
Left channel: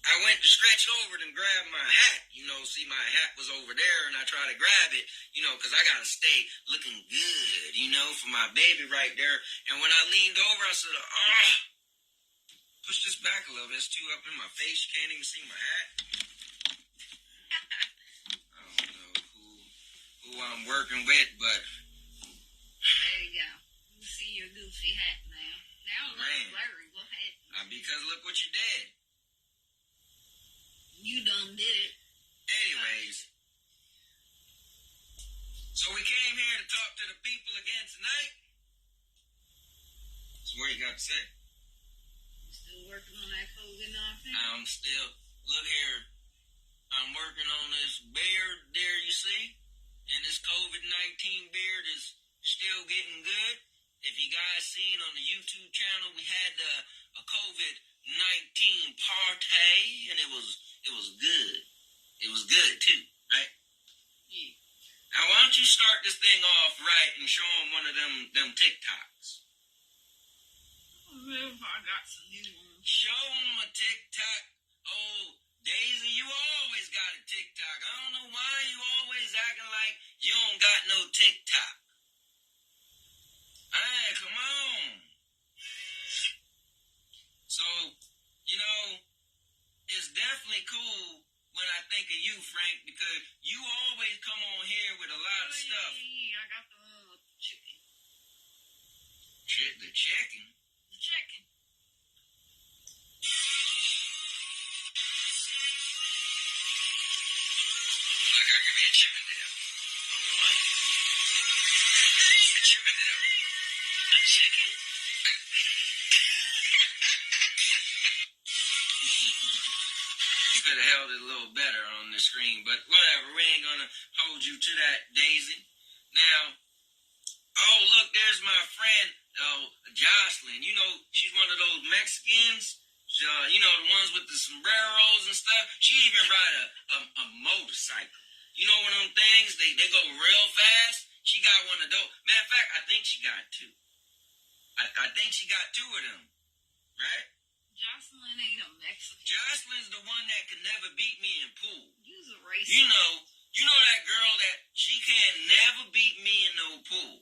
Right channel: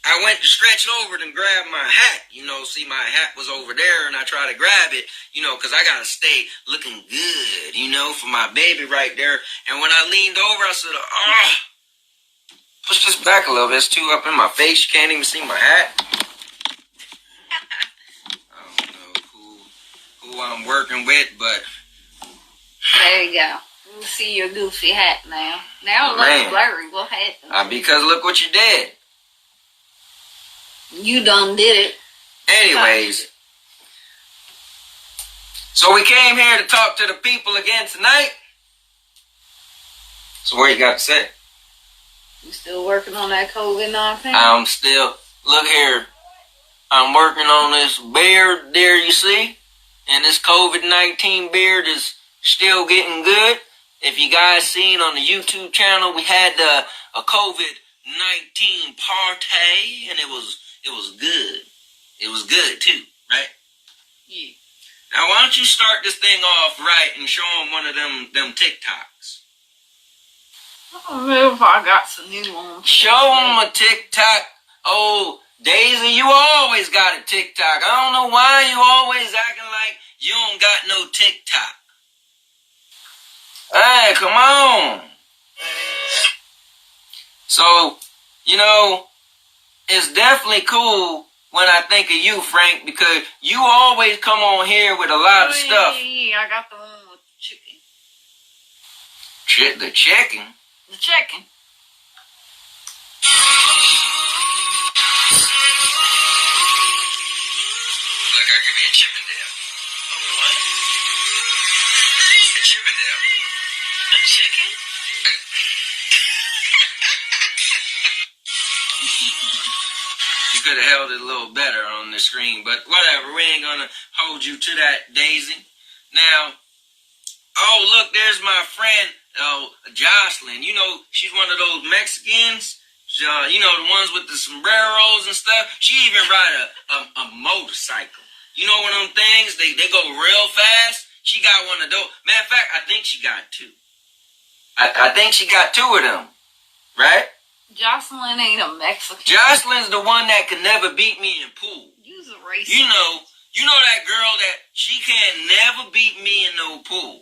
I went to stretch over and grab my hat. You know, see, my hat was over there, and I tried to grab it, you know, because I got to stay looking good, you know, for my baby right there. And when I leaned over, I said, push this back a little bit. It's too up in my face. You can't even see my hat. I don't know who I'm working with, but... There you go. You see your goofy hat now. Now it looks blurry. What happened? Because look what you did. You done did it. Anyways. So we came here to talk to the people again tonight. So what you got to say? You still working on that COVID-19? I'm still, look here, I'm working on this beard there, you see? And this COVID-19 beard is still getting good. If you guys seen on the YouTube channel, we had a COVID-19 party, and it was good. It was good too, right? Yeah. Now why don't you start this thing off right and show them one of them TikToks? I don't know if I got some new ones. Show them a TikTok. Oh, Daisy, you always got a TikTok. I don't know why you always acting like you don't got no TikTok. Hey, come on. So, you know, it's definitely cool when I think of you, Frank, because you always come on here with a lot of stuff. Yeah, I got the one with the chicken. The chicken? The chicken. Look, I'll give you a Chippendale. What? A Chippendale. A chicken? You could have held it a little better on the screen, but whatever. We ain't gonna hold you to that, Daisy. Now, oh, look, there's my friend, Jocelyn. You know, she's one of those Mexicans. You know, the ones with the sombreros and stuff. She even ride a motorcycle. You know one of them things? They go real fast. She got one of those. Matter of fact, I think she got two. I think she got two of them. Right? Jocelyn ain't a Mexican. Jocelyn's the one that could never beat me in pool. You's a racist. You know that girl that she can't never beat me in no pool.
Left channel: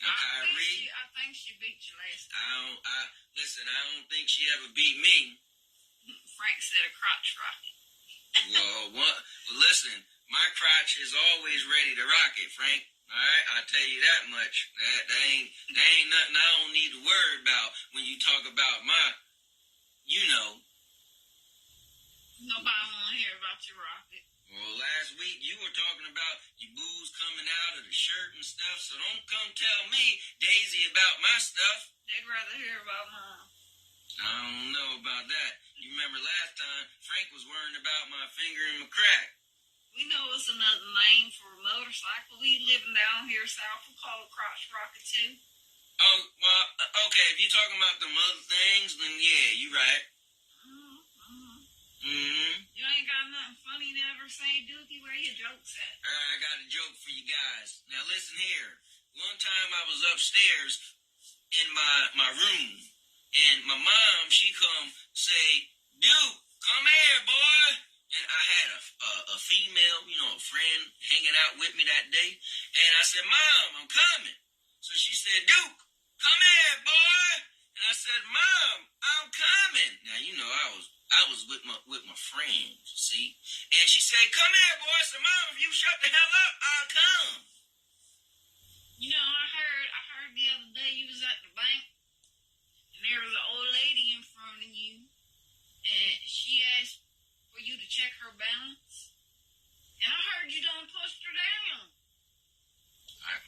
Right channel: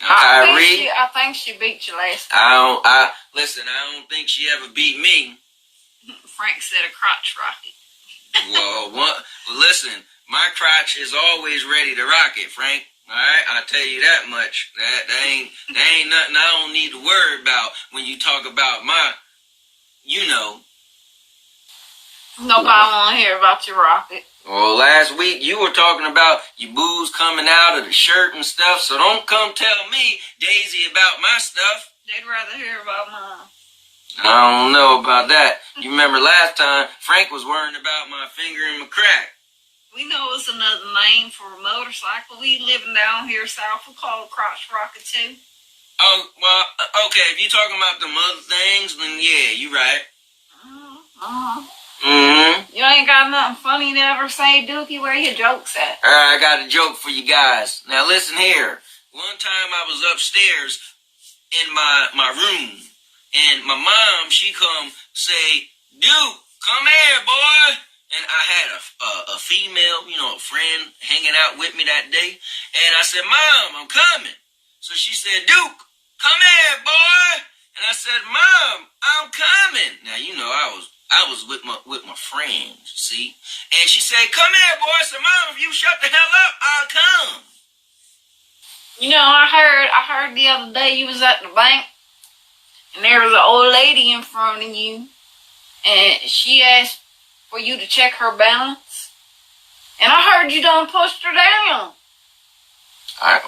Now, Kyrie, I think she beat you last time. I don't think she ever beat me. Frank said a crotch rocket. Well, listen, my crotch is always ready to rock it, Frank. All right, I tell you that much. That ain't nothing I don't need to worry about when you talk about my, you know. Nobody want to hear about your rocket. Well, last week you were talking about your boobs coming out of the shirt and stuff, so don't come tell me, Daisy, about my stuff. They'd rather hear about mine. I don't know about that. You remember last time Frank was worrying about my finger and my crack. We know it's another name for a motorcycle. We living down here south. We call it crotch rocket too. Oh, well, okay. If you're talking about the other things, then yeah, you're right. You ain't got nothing funny to ever say, Dookie? Where your jokes at? All right, I got a joke for you guys. Now listen here. One time I was upstairs in my room, and my mom, she come say, Duke, come here, boy. And I had a female, a friend hanging out with me that day. And I said, Mom, I'm coming. So she said, Duke, come here, boy. And I said, Mom, I'm coming. Now, I was with my friends, see? And she said, come here, boy. I said, Mom, if you shut the hell up, I'll come. I heard the other day you was at the bank, and there was an old lady in front of you, and she asked for you to check her balance. And I heard you done pushed her down.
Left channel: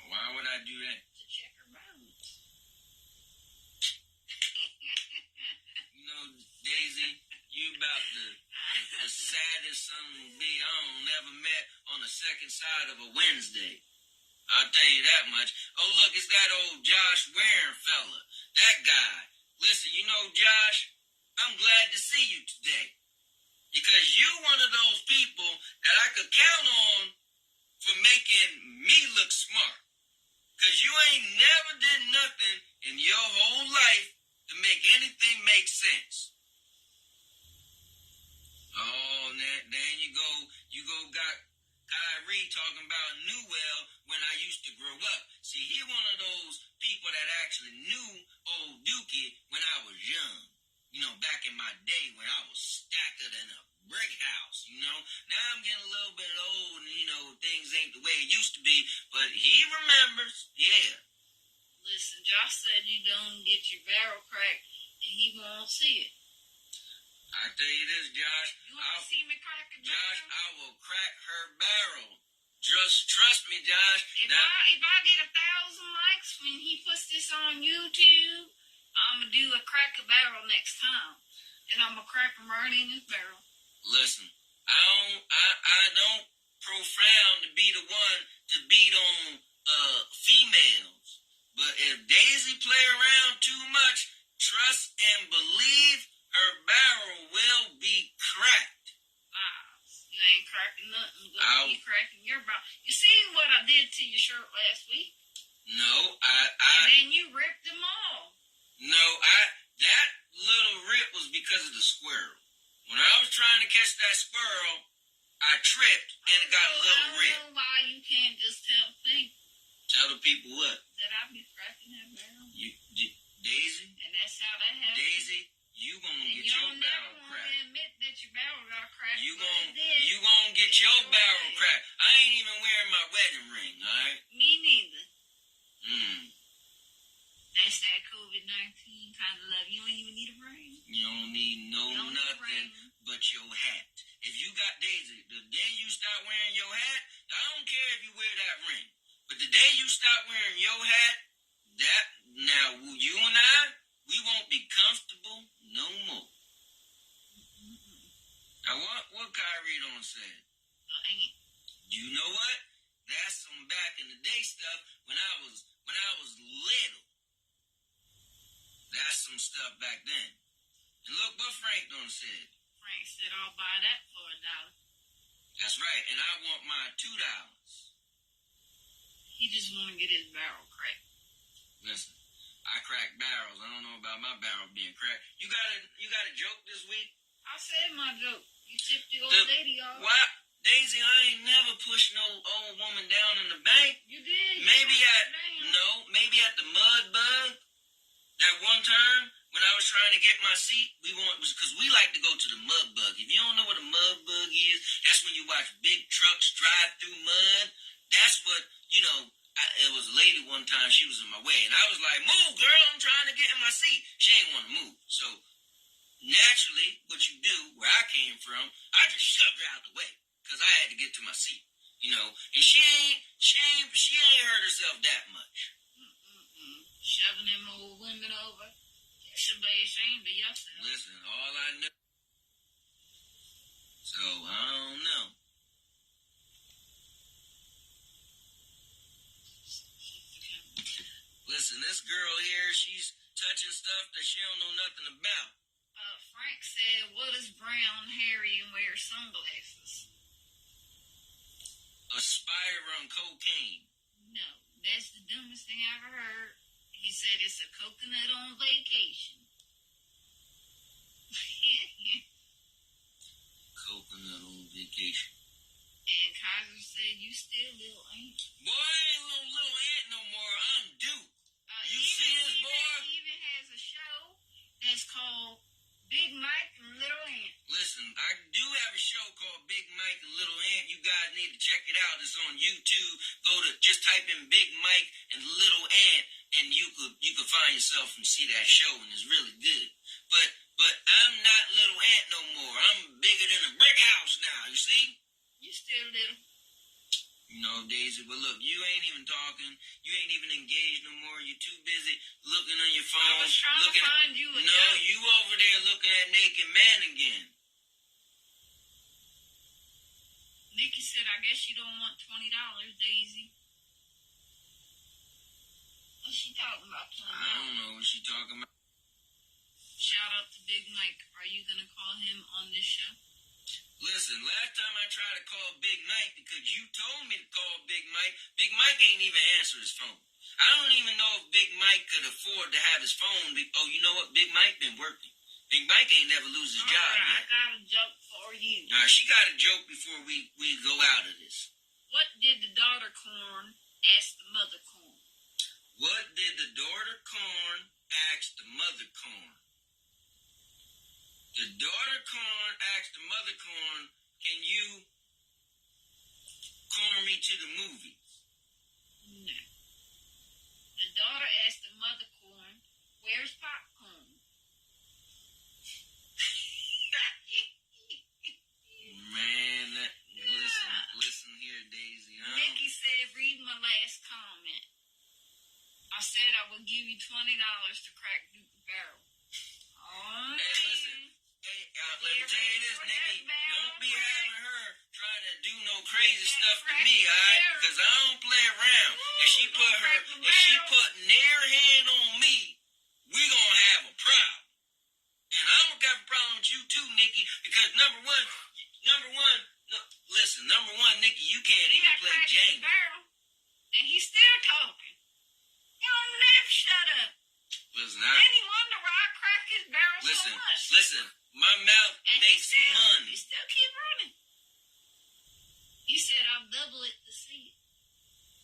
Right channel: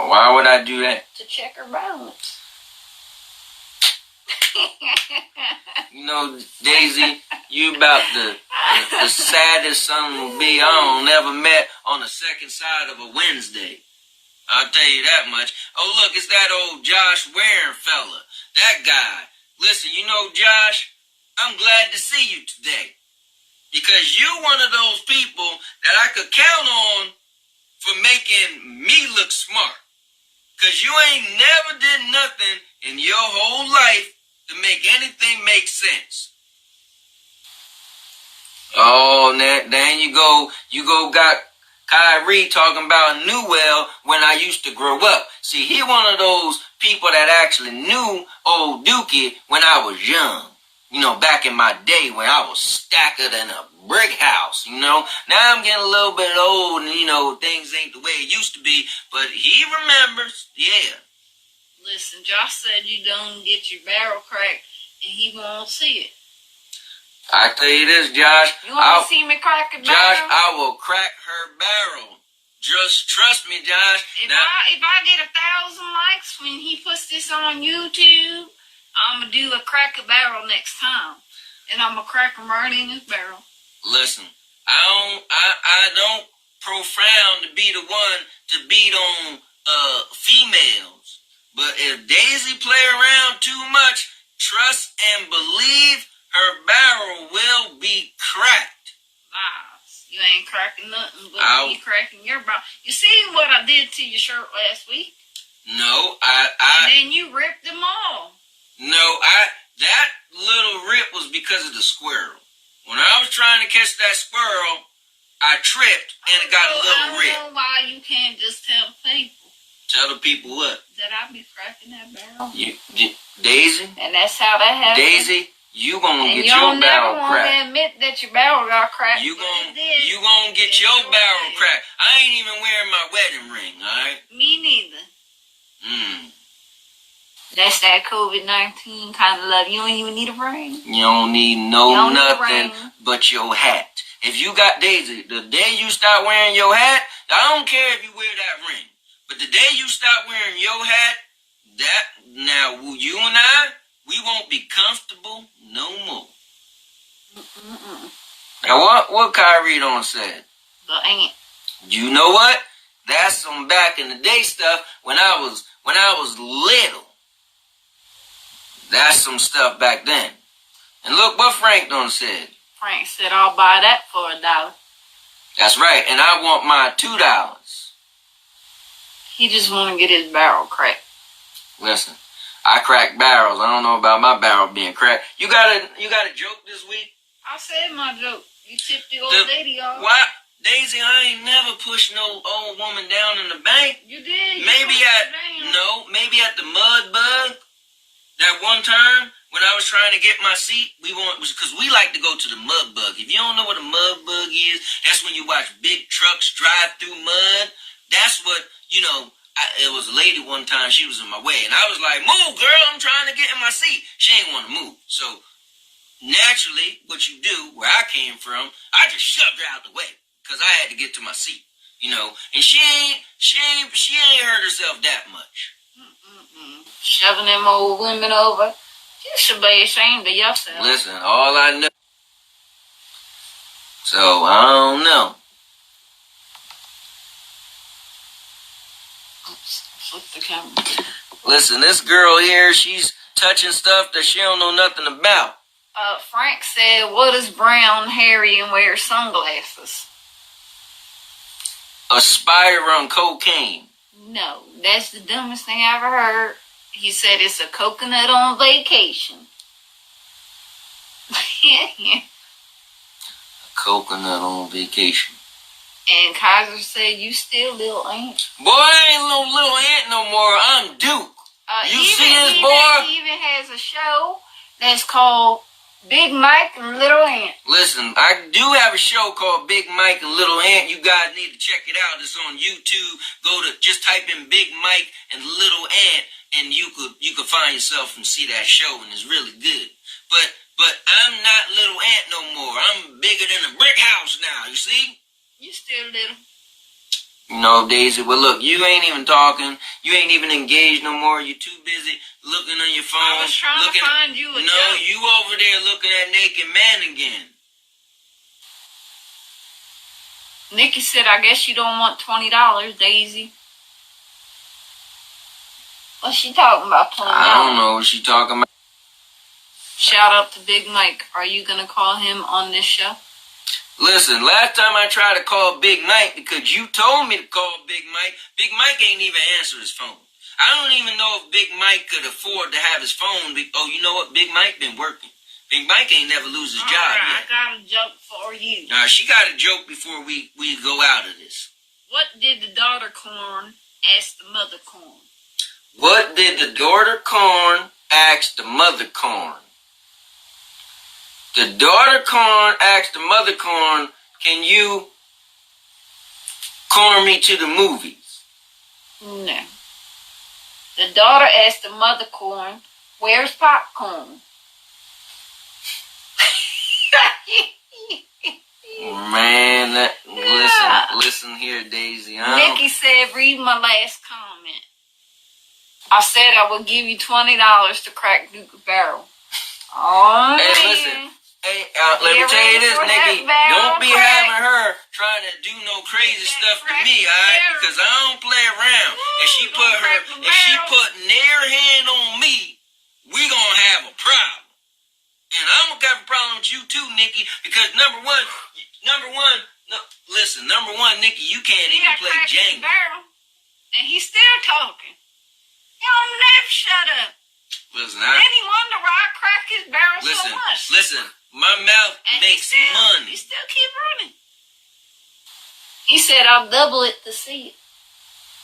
Why would I do that? To check her balance. Daisy, you about the saddest son will be I ever met on the second side of a Wednesday. I'll tell you that much. Oh, look, it's that old Josh Waring fella. That guy. Listen, Josh, I'm glad to see you today. Because you're one of those people that I could count on for making me look smart. Because you ain't never did nothing in your whole life to make anything make sense. Oh, then you go got Kyrie talking about Newell when I used to grow up. See, he one of those people that actually knew old Dookie when I was young. Back in my day when I was stacker than a brick house, Now I'm getting a little bit old and, things ain't the way it used to be, but he remembers, yeah. Listen, Josh said you don't get your barrel cracked and he won't see it. I tell you this, Josh. You want to see me crack a barrel? Josh, I will crack her barrel. Just trust me, Josh. If I get 1,000 likes when he puts this on YouTube, I'm going to do a crack a barrel next time. And I'm going to crack him right in his barrel. Listen, I don't profound to be the one to beat on females. But if Daisy play around too much, trust and believe her barrel will be cracked. Lies. You ain't cracking nothing but me cracking your barrel. You see what I did to your shirt last week? No, And then you ripped them all. No, that little rip was because of the squirrel. When I was trying to catch that squirrel, I tripped and it got a little rip. I don't know why you can't just tell people. Tell the people what? That I be cracking that barrel. Daisy? And that's how that happened. Daisy, you gonna get your barrel cracked. And you never want to admit that your barrel got cracked. You gonna get your barrel cracked. I ain't even wearing my wedding ring, alright? Me neither. That's that COVID-19 kind of love. You don't even need a ring. You don't need nothing but your hat. If you got Daisy, the day you start wearing your hat, I don't care if you wear that ring. But the day you start wearing your hat, you and I, we won't be comfortable no more. Now what Kyrie done said? The ant. You know what? That's some back in the day stuff when I was little. That's some stuff back then. And look what Frank done said. Frank said, I'll buy that for $1. That's right, and I want my $2. He just want to get his barrel cracked. Listen, I crack barrels. I don't know about my barrel being cracked. You got a joke this week? I said my joke. You tipped the old lady off. Why? Daisy, I ain't never pushed no old woman down in the bank. You did. Maybe no, know, maybe at the Mud Bug. That one time when I was trying to get my seat, because we like to go to the Mud Bug. If you don't know what a Mud Bug is, that's when you watch big trucks drive through mud. That's what, it was a lady one time, she was in my way, and I was like, move, girl, I'm trying to get in my seat. She ain't want to move. So, naturally, what you do, where I came from, I just shoved her out the way, because I had to get to my seat, and she ain't hurt herself that much. Shoving them old women over. You should be ashamed of yourself. Listen, all I know. So, I don't know. Oops, flip the camera. Listen, this girl here, she's touching stuff that she don't know nothing about. Frank said, what is brown, hairy, and wears sunglasses? A spider on cocaine. No, that's the dumbest thing I ever heard. He said it's a coconut on vacation. Coconut on vacation. And Kaiser said, you still little ant. Boy, I ain't no little ant no more. I'm Duke. You see this, boy? He even has a show that's called Big Mike and Little Ant. Listen, I do have a show called Big Mike and Little Ant. You guys need to check it out. It's on YouTube. Just type in Big Mike and Little Ant, and you could find yourself and see that show, and it's really good. But I'm not Little Ant no more. I'm bigger than a brick house now, you see? You still little. No, Daisy, well, look, you ain't even talking. You ain't even engaged no more. You're too busy looking on your phone. I was trying to find you a job. You over there looking at Naked Man again. Nikki said, I guess you don't want $20, Daisy. What's she talking about, $20? I don't know what she talking about. Shout out to Big Mike. Are you going to call him on this show? Listen, last time I tried to call Big Mike because you told me to call Big Mike ain't even answer his phone. I don't even know if Big Mike could afford to have his phone. Oh, you know what? Big Mike been working. Big Mike ain't never lose his job yet. I got a joke for you. Nah, she got a joke before we go out of this. What did the daughter corn ask the mother corn? What did the daughter corn ask the mother corn? The daughter corn asked the mother corn, can you corn me to the movies? No. The daughter asked the mother corn, where's popcorn? Man, listen here, Daisy. Nikki said, read my last comment. I said I would give you $20 to crack Duke barrel. Oh, hey, man. listen. Hey, let me tell you this, Nikki. Don't be having her trying to do no crazy stuff to me, alright? Because I don't play around. If she put near hand on me, we gonna have a problem. And I'm gonna have a problem with you too, Nikki. Because number one, Nikki, you can't even play Jenga. And he's still talking. He don't never shut up. Listen, then he wonder why I crack his barrel so much. Listen, my mouth makes money. He still keep running. He said, I'll double it to see it.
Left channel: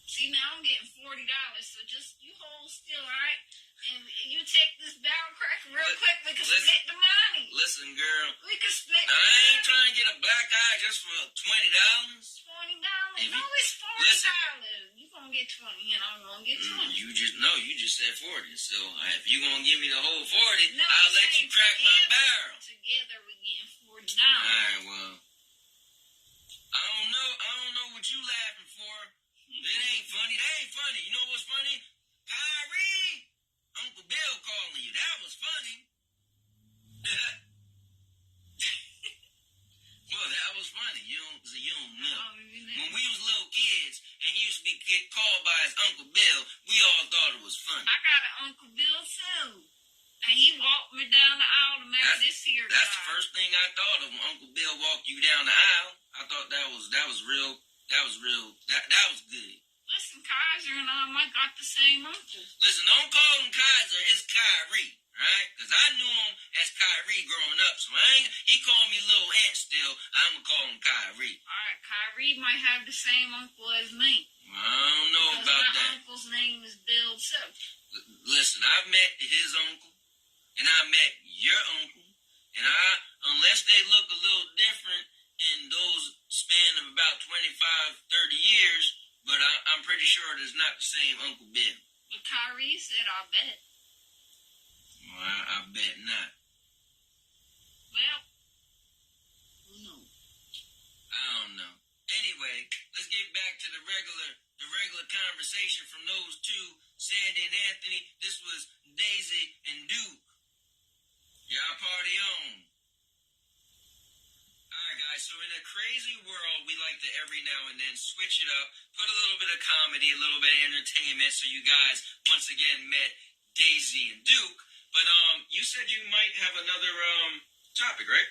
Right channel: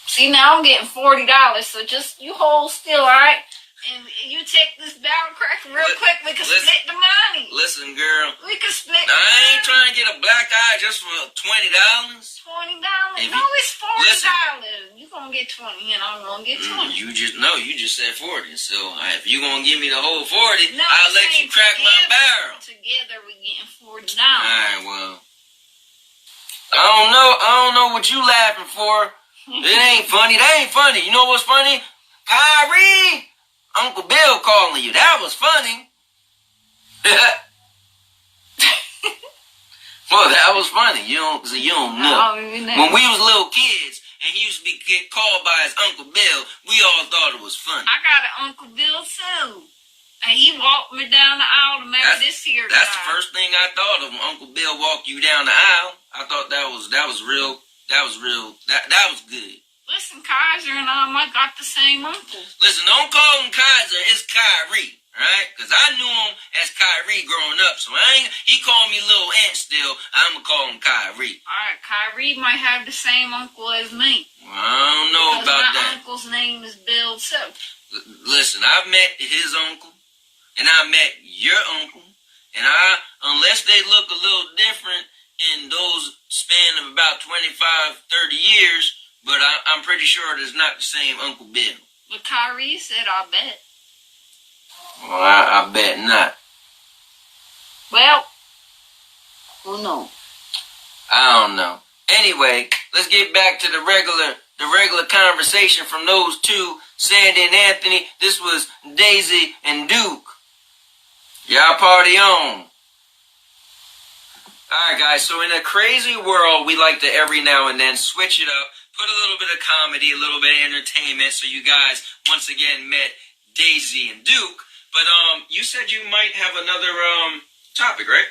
See, now I'm getting $40, so just you hold still, all right? And you take this barrel crack real quick, we can split the money. Listen, girl. We can split the money. I ain't money. trying to get a black eye just for $20. $20? No, it's $40. You're going to get 20 and I'm going to get 20. You just said 40. So if you're going to give me the whole 40, no, I'll let you crack my barrel. Together we're getting $40. All right, well. I don't know what you laughing for. It ain't funny. That ain't funny. You know what's funny? Kyrie! Uncle Bill calling you. That was funny. Well, that was funny. You don't know. When we was little kids and he used to get called by his Uncle Bill, we all thought it was funny. I got an Uncle Bill too. And he walked me down the aisle to marry this here guy. That's the first thing I thought of when Uncle Bill walked you down the aisle. I thought that was real. That was good. Listen, Kaiser and I might got the same uncle. Listen, don't call him Kaiser. It's Kyrie. Alright? Because I knew him as Kyrie growing up. So he called me Little Ant still. I'm going to call him Kyrie. Alright, Kyrie might have the same uncle as me. Well, I don't know about that. My uncle's name is Bill too. Listen, I've met his uncle. And I met your uncle. And unless they look a little different in those span of about 25, 30 years, but I'm pretty sure it's not the same Uncle Bill. But Kyrie said, I bet. Well, I bet not. Well, who knows? I don't know. Anyway, let's get back to the regular conversation from those two, Sandy and Anthony. This was Daisy and Duke. Y'all party on. Alright guys, so in a crazy world, we like to every now and then switch it up, put a little bit of comedy, a little bit of entertainment, so you guys once again met Daisy and Duke. But you said you might have another topic, right?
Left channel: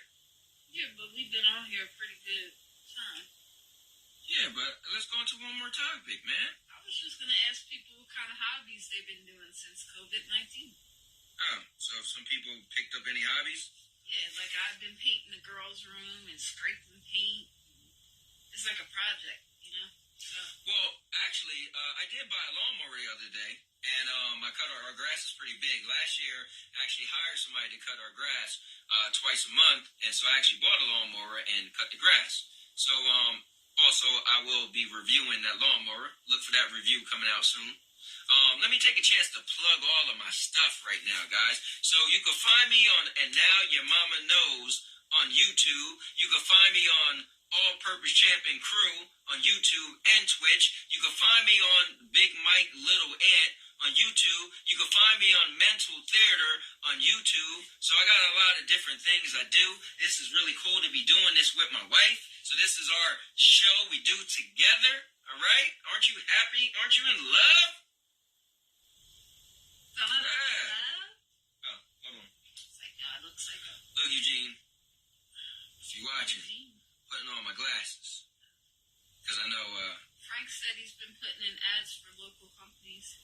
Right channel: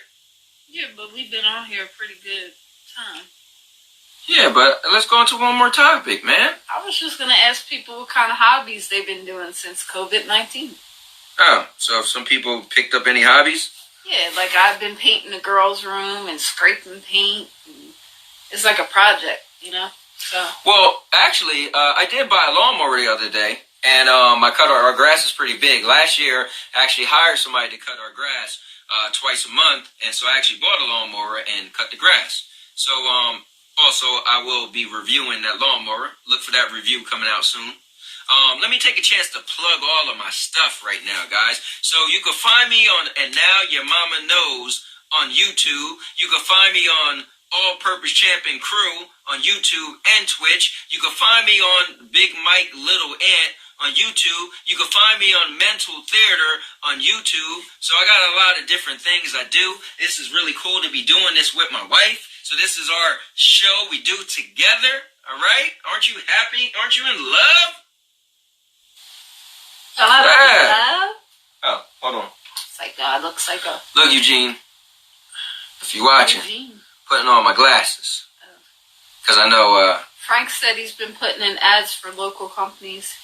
Yeah, but we've been on here a pretty good time. Yeah, but let's go into one more topic, man. I was just gonna ask people what kind of hobbies they've been doing since COVID-19. Oh, so if some people picked up any hobbies? Yeah, like I've been painting the girls' room and scraping paint. And it's like a project, you know? So. Well, actually, I did buy a lawnmower the other day, and I cut our grass is pretty big. Last year, I actually hired somebody to cut our grass twice a month, and so I actually bought a lawnmower and cut the grass. So, also, I will be reviewing that lawnmower. Look for that review coming out soon. Let me take a chance to plug all of my stuff right now, guys. So you can find me on And Now Your Mama Knows on YouTube. You can find me on All Purpose Champion Crew on YouTube and Twitch. You can find me on Big Mike Little Ant on YouTube. You can find me on Mental Theater on YouTube. So I got a lot of different things I do. This is really cool to be doing this with my wife. So this is our show we do together. All right? Aren't you happy? Aren't you in love? Oh, hold on. It's like God looks like a... Look, Eugene, if you're watching, putting on my glasses. Because I know... Frank said he's been putting in ads for local companies.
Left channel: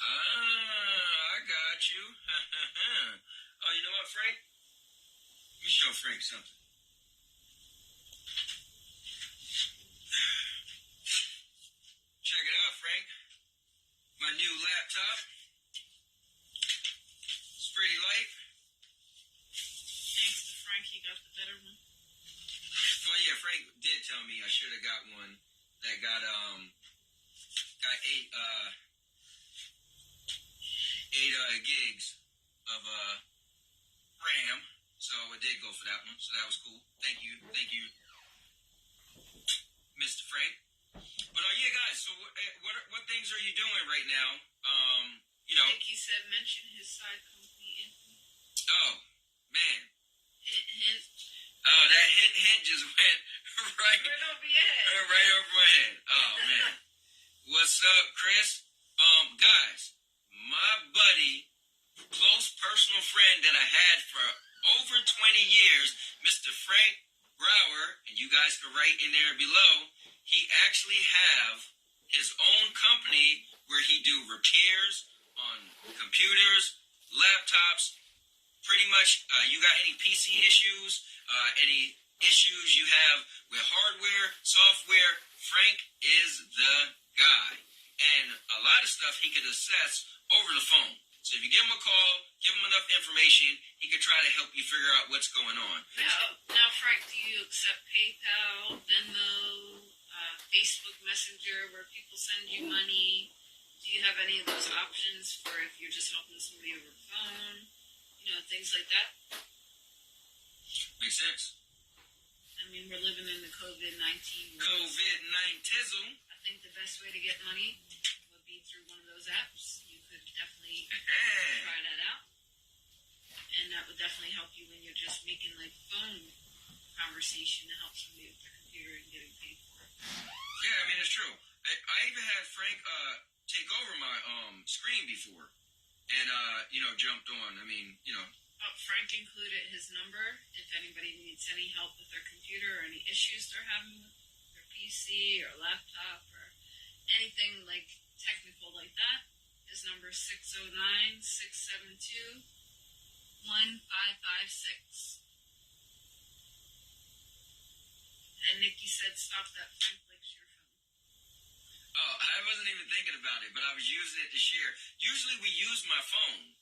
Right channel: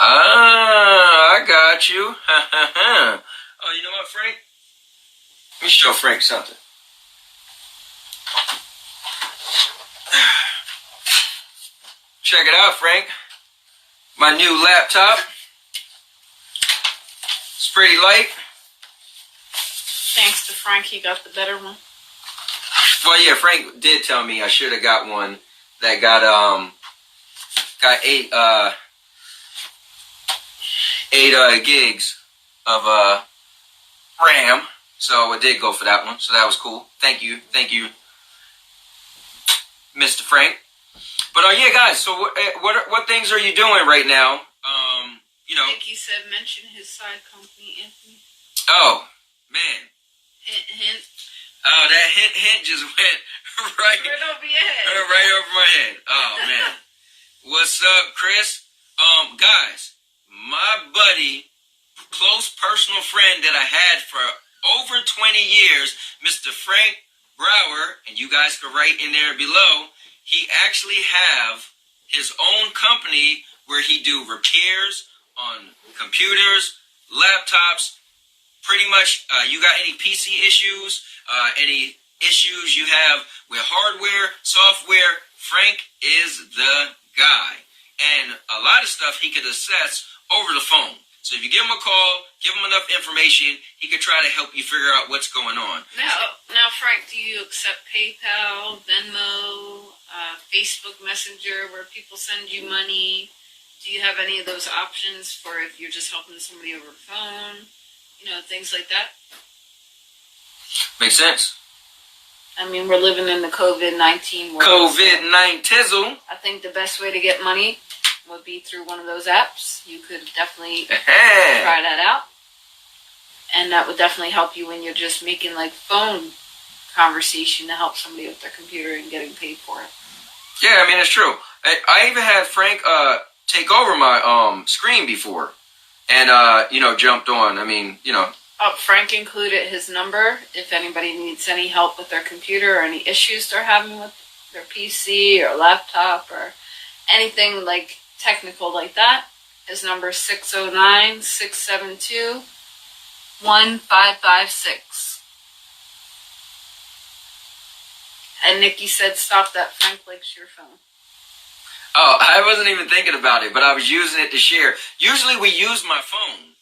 I got you. Oh, you know what, Frank? Let me show Frank something. Check it out, Frank. My new laptop. It's pretty light. Thanks to Frank, he got the better one. Well, yeah, Frank did tell me I should have got one that got 8 gigs of RAM. So it did go for that one. So that was cool. Thank you, Mr. Frank. But yeah, guys. So what things are you doing right now? You know. Nicky said mention his side company, Anthony. Oh man. Hint. Oh, that hint just went right over your head. Right over my head. Oh man. What's up, Chris? Guys, my buddy, close personal friend that I had for over 20 years, Mr. Frank Brower, and you guys can write in there below, he actually have his own company where he do repairs on computers, laptops, pretty much you got any PC issues, any issues you have with hardware, software, Frank is the guy. And a lot of stuff he could assess over the phone. So if you give him a call, give him enough information, he could try to help you figure out what's going on. Now, Frank, do you accept PayPal, Venmo, Facebook Messenger, where people send you money? Do you have any of those options for if you're just helping somebody over the phone? You know, things like that? Makes sense. I mean, we're living in the COVID-19 world. COVID-19. I think the best way to get money would be through one of those apps. You could definitely try that out. And that would definitely help you when you're just making like phone conversation to help somebody with their computer and getting paid for it. Yeah, I mean, it's true. I even had Frank take over my screen before and, jumped on. I mean, Frank included his number if anybody needs any help with their computer or any issues they're having with their PC or laptop or anything like technical like that. His number is 609-672-1556. And Nikki said, stop that. Frank likes your phone. Oh, I wasn't even thinking about it, but I was using it to share. Usually we use my phone.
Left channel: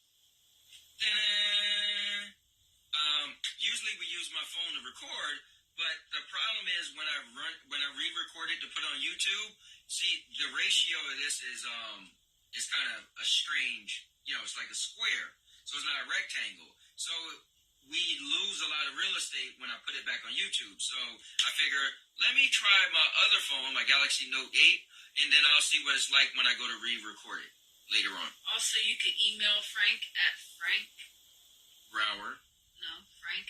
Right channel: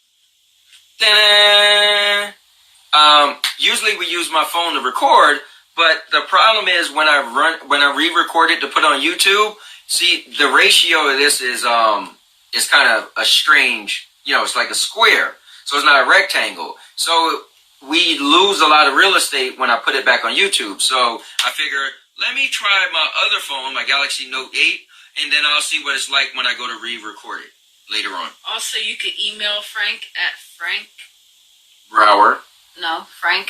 Usually we use my phone to record, but the problem is when I re-record it to put on YouTube, see, the ratio of this is kind of a strange, it's like a square. So it's not a rectangle. So we lose a lot of real estate when I put it back on YouTube. So I figure, let me try my other phone, my Galaxy Note 8, and then I'll see what it's like when I go to re-record it later on. Also, you could email Frank at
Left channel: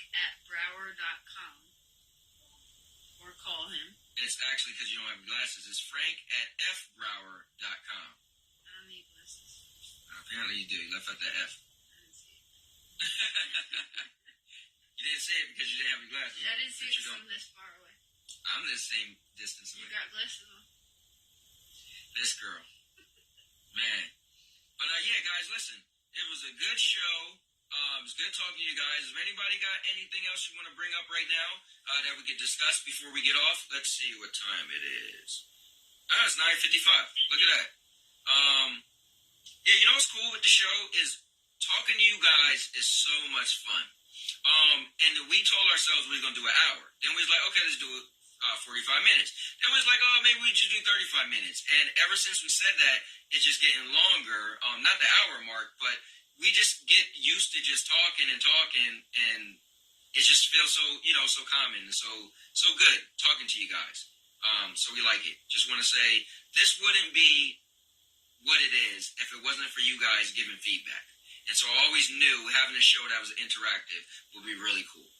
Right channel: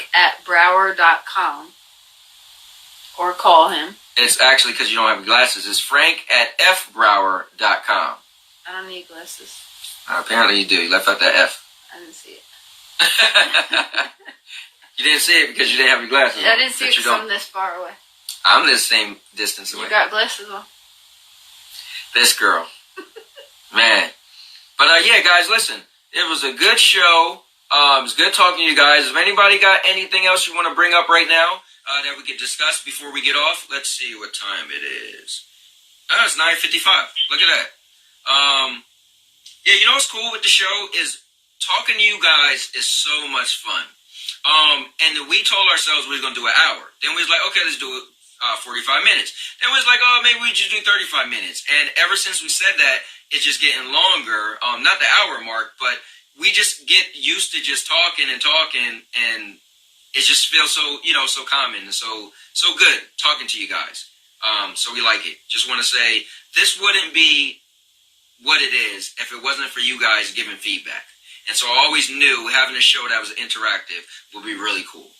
Frank@Brower.com. Or call him. It's actually because you don't have glasses. It's Frank@FBrower.com. I don't need glasses. Apparently you do. You left out that F. I didn't see it. You didn't see it because you didn't have your glasses on. I didn't see it because I'm this far away. I'm the same distance away. You got glasses on. This girl. Man. But yeah, guys, listen. It was a good show. It was good talking to you guys. If anybody got anything else you want to bring up right now that we could discuss before we get off? Let's see what time it is. It's 9:55. Look at that. Yeah, you know what's cool with the show is talking to you guys is so much fun. And we told ourselves we were going to do an hour. Then we was like, okay, let's do it 45 minutes. Then we was like, oh, maybe we just do 35 minutes. And ever since we said that, it's just getting longer. Not the hour mark, but we just get used to just talking, and it just feels so, so common and so good talking to you guys. So we like it. Just want to say this wouldn't be what it is if it wasn't for you guys giving feedback. And so I always knew having a show that was interactive would be really cool.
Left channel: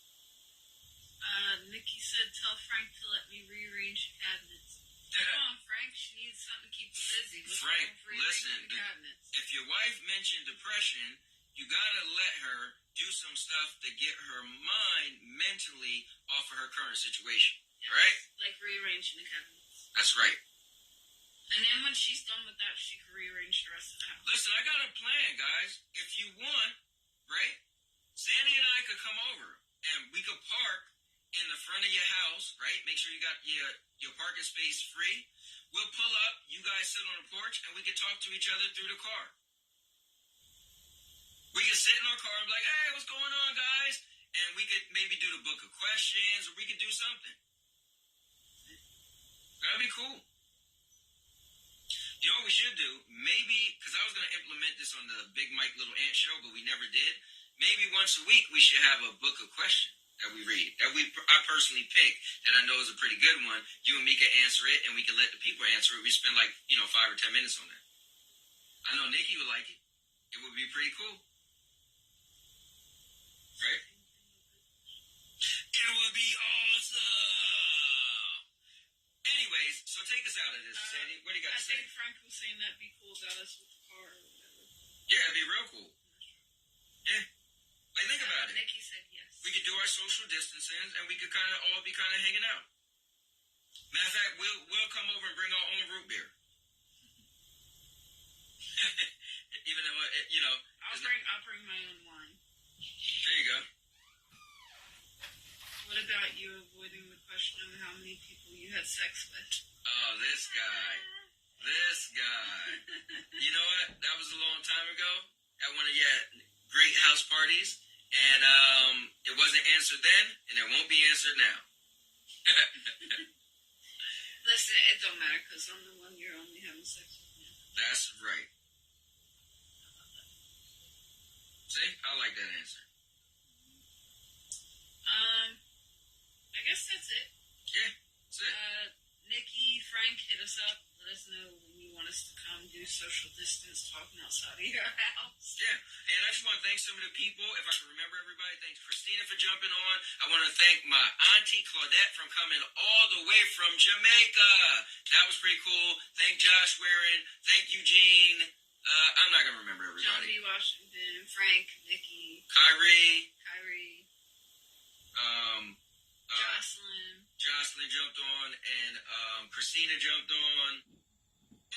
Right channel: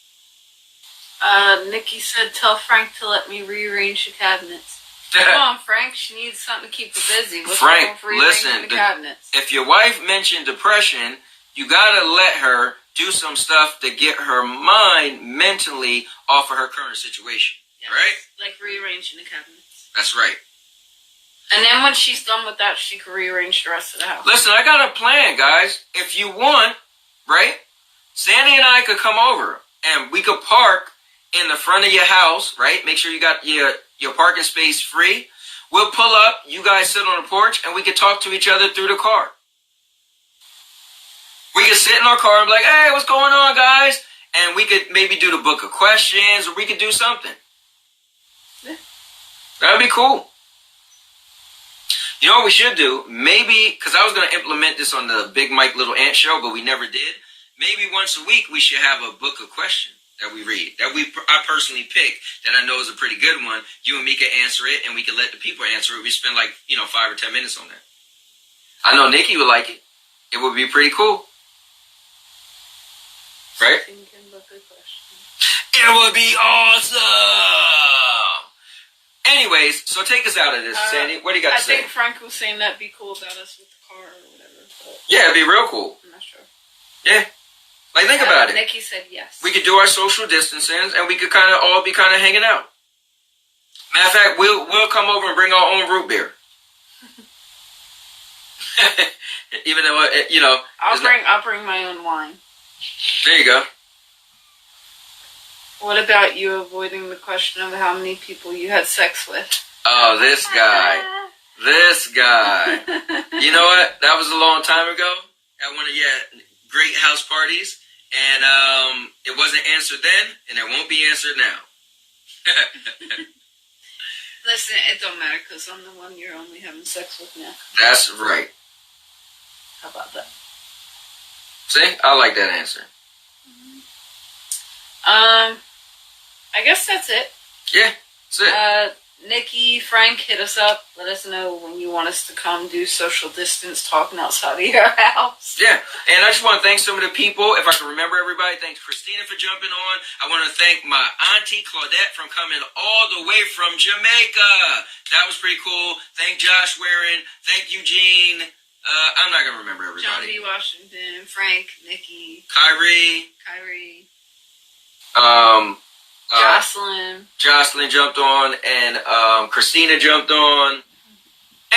Nikki said, tell Frank to let me rearrange the cabinets. Come on, Frank. She needs something to keep her busy. What's Frank, wrong with rearranging the cabinets? If your wife mentioned depression, you gotta let her do some stuff to get her mind mentally off of her current situation. Yes, right? Like rearranging the cabinets. That's right. And then when she's done with that, she can rearrange the rest of the house. Listen, I got a plan, guys. If you want, right? Sandy and I could come over and we could park in the front of your house, right? Make sure you got your parking space free. We'll pull up, you guys sit on the porch, and we could talk to each other through the car. We could sit in our car and be like, hey, what's going on, guys? And we could maybe do the book of questions, or we could do something. Yeah. That would be cool. You know what we should do? Maybe, because I was going to implement this on the Big Mike Little Ant show, but we never did. Maybe once a week we should have a book of questions that we read, that I personally pick, that I know is a pretty good one. You and me can answer it, and we can let the people answer it. We spend 5 or 10 minutes on that. I know Nikki would like it. It would be pretty cool. Right? It would be awesome! Anyways, so take us out of this, Sandy. What do you got to say? I think Frank was saying that'd be cool about us with the car or whatever. But yeah, it'd be real cool. I'm not sure. Yeah. Like, think about it. Nikki said yes. We could do our social distancing, and we could all be hanging out. Matter of fact, we'll come over and bring our own root beer. Even though I'll bring my own wine. There you go. What about you avoiding the question of how many people you had sex with? Oh, this guy. This guy. You know what? That was a long time ago at one of your great house parties. And it wasn't answered then, and it won't be answered now. Listen, it don't matter because I'm the one you're only having sex with now. That's right. How about that? See? I like that answer. I guess that's it. Yeah, that's it. Nikki, Frank, hit us up. Let us know when you want us to come do social distance talking outside of your house. Yeah, and I just want to thank some of the people. If I can remember everybody, thanks Christina for jumping on. I want to thank my auntie Claudette from coming all the way from Jamaica. That was pretty cool. Thank Josh Waring. Thank Eugene. I'm not going to remember everybody. John B. Washington, Frank, Nikki. Kyrie. Jocelyn jumped on, and Christina jumped on.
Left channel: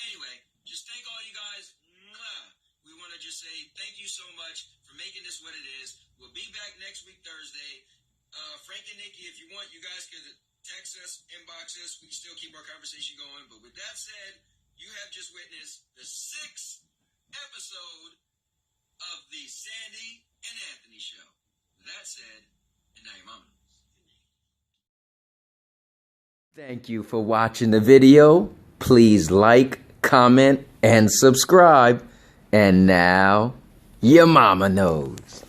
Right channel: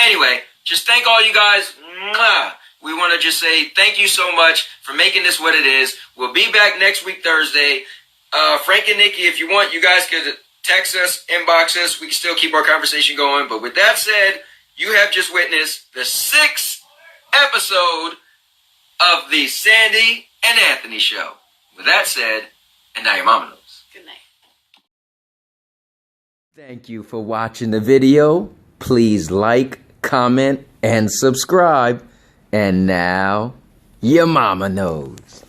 Anyway, just thank all you guys. Mwah! We want to just say thank you so much for making this what it is. We'll be back next week, Thursday. Frank and Nikki, if you want, you guys could text us, inbox us. We can still keep our conversation going. But with that said, you have just witnessed the 6th episode of the Sandy and Anthony Show. With that said, and now your mama knows. Good night. Thank you for watching the video. Please like, comment, and subscribe. And now, your mama knows.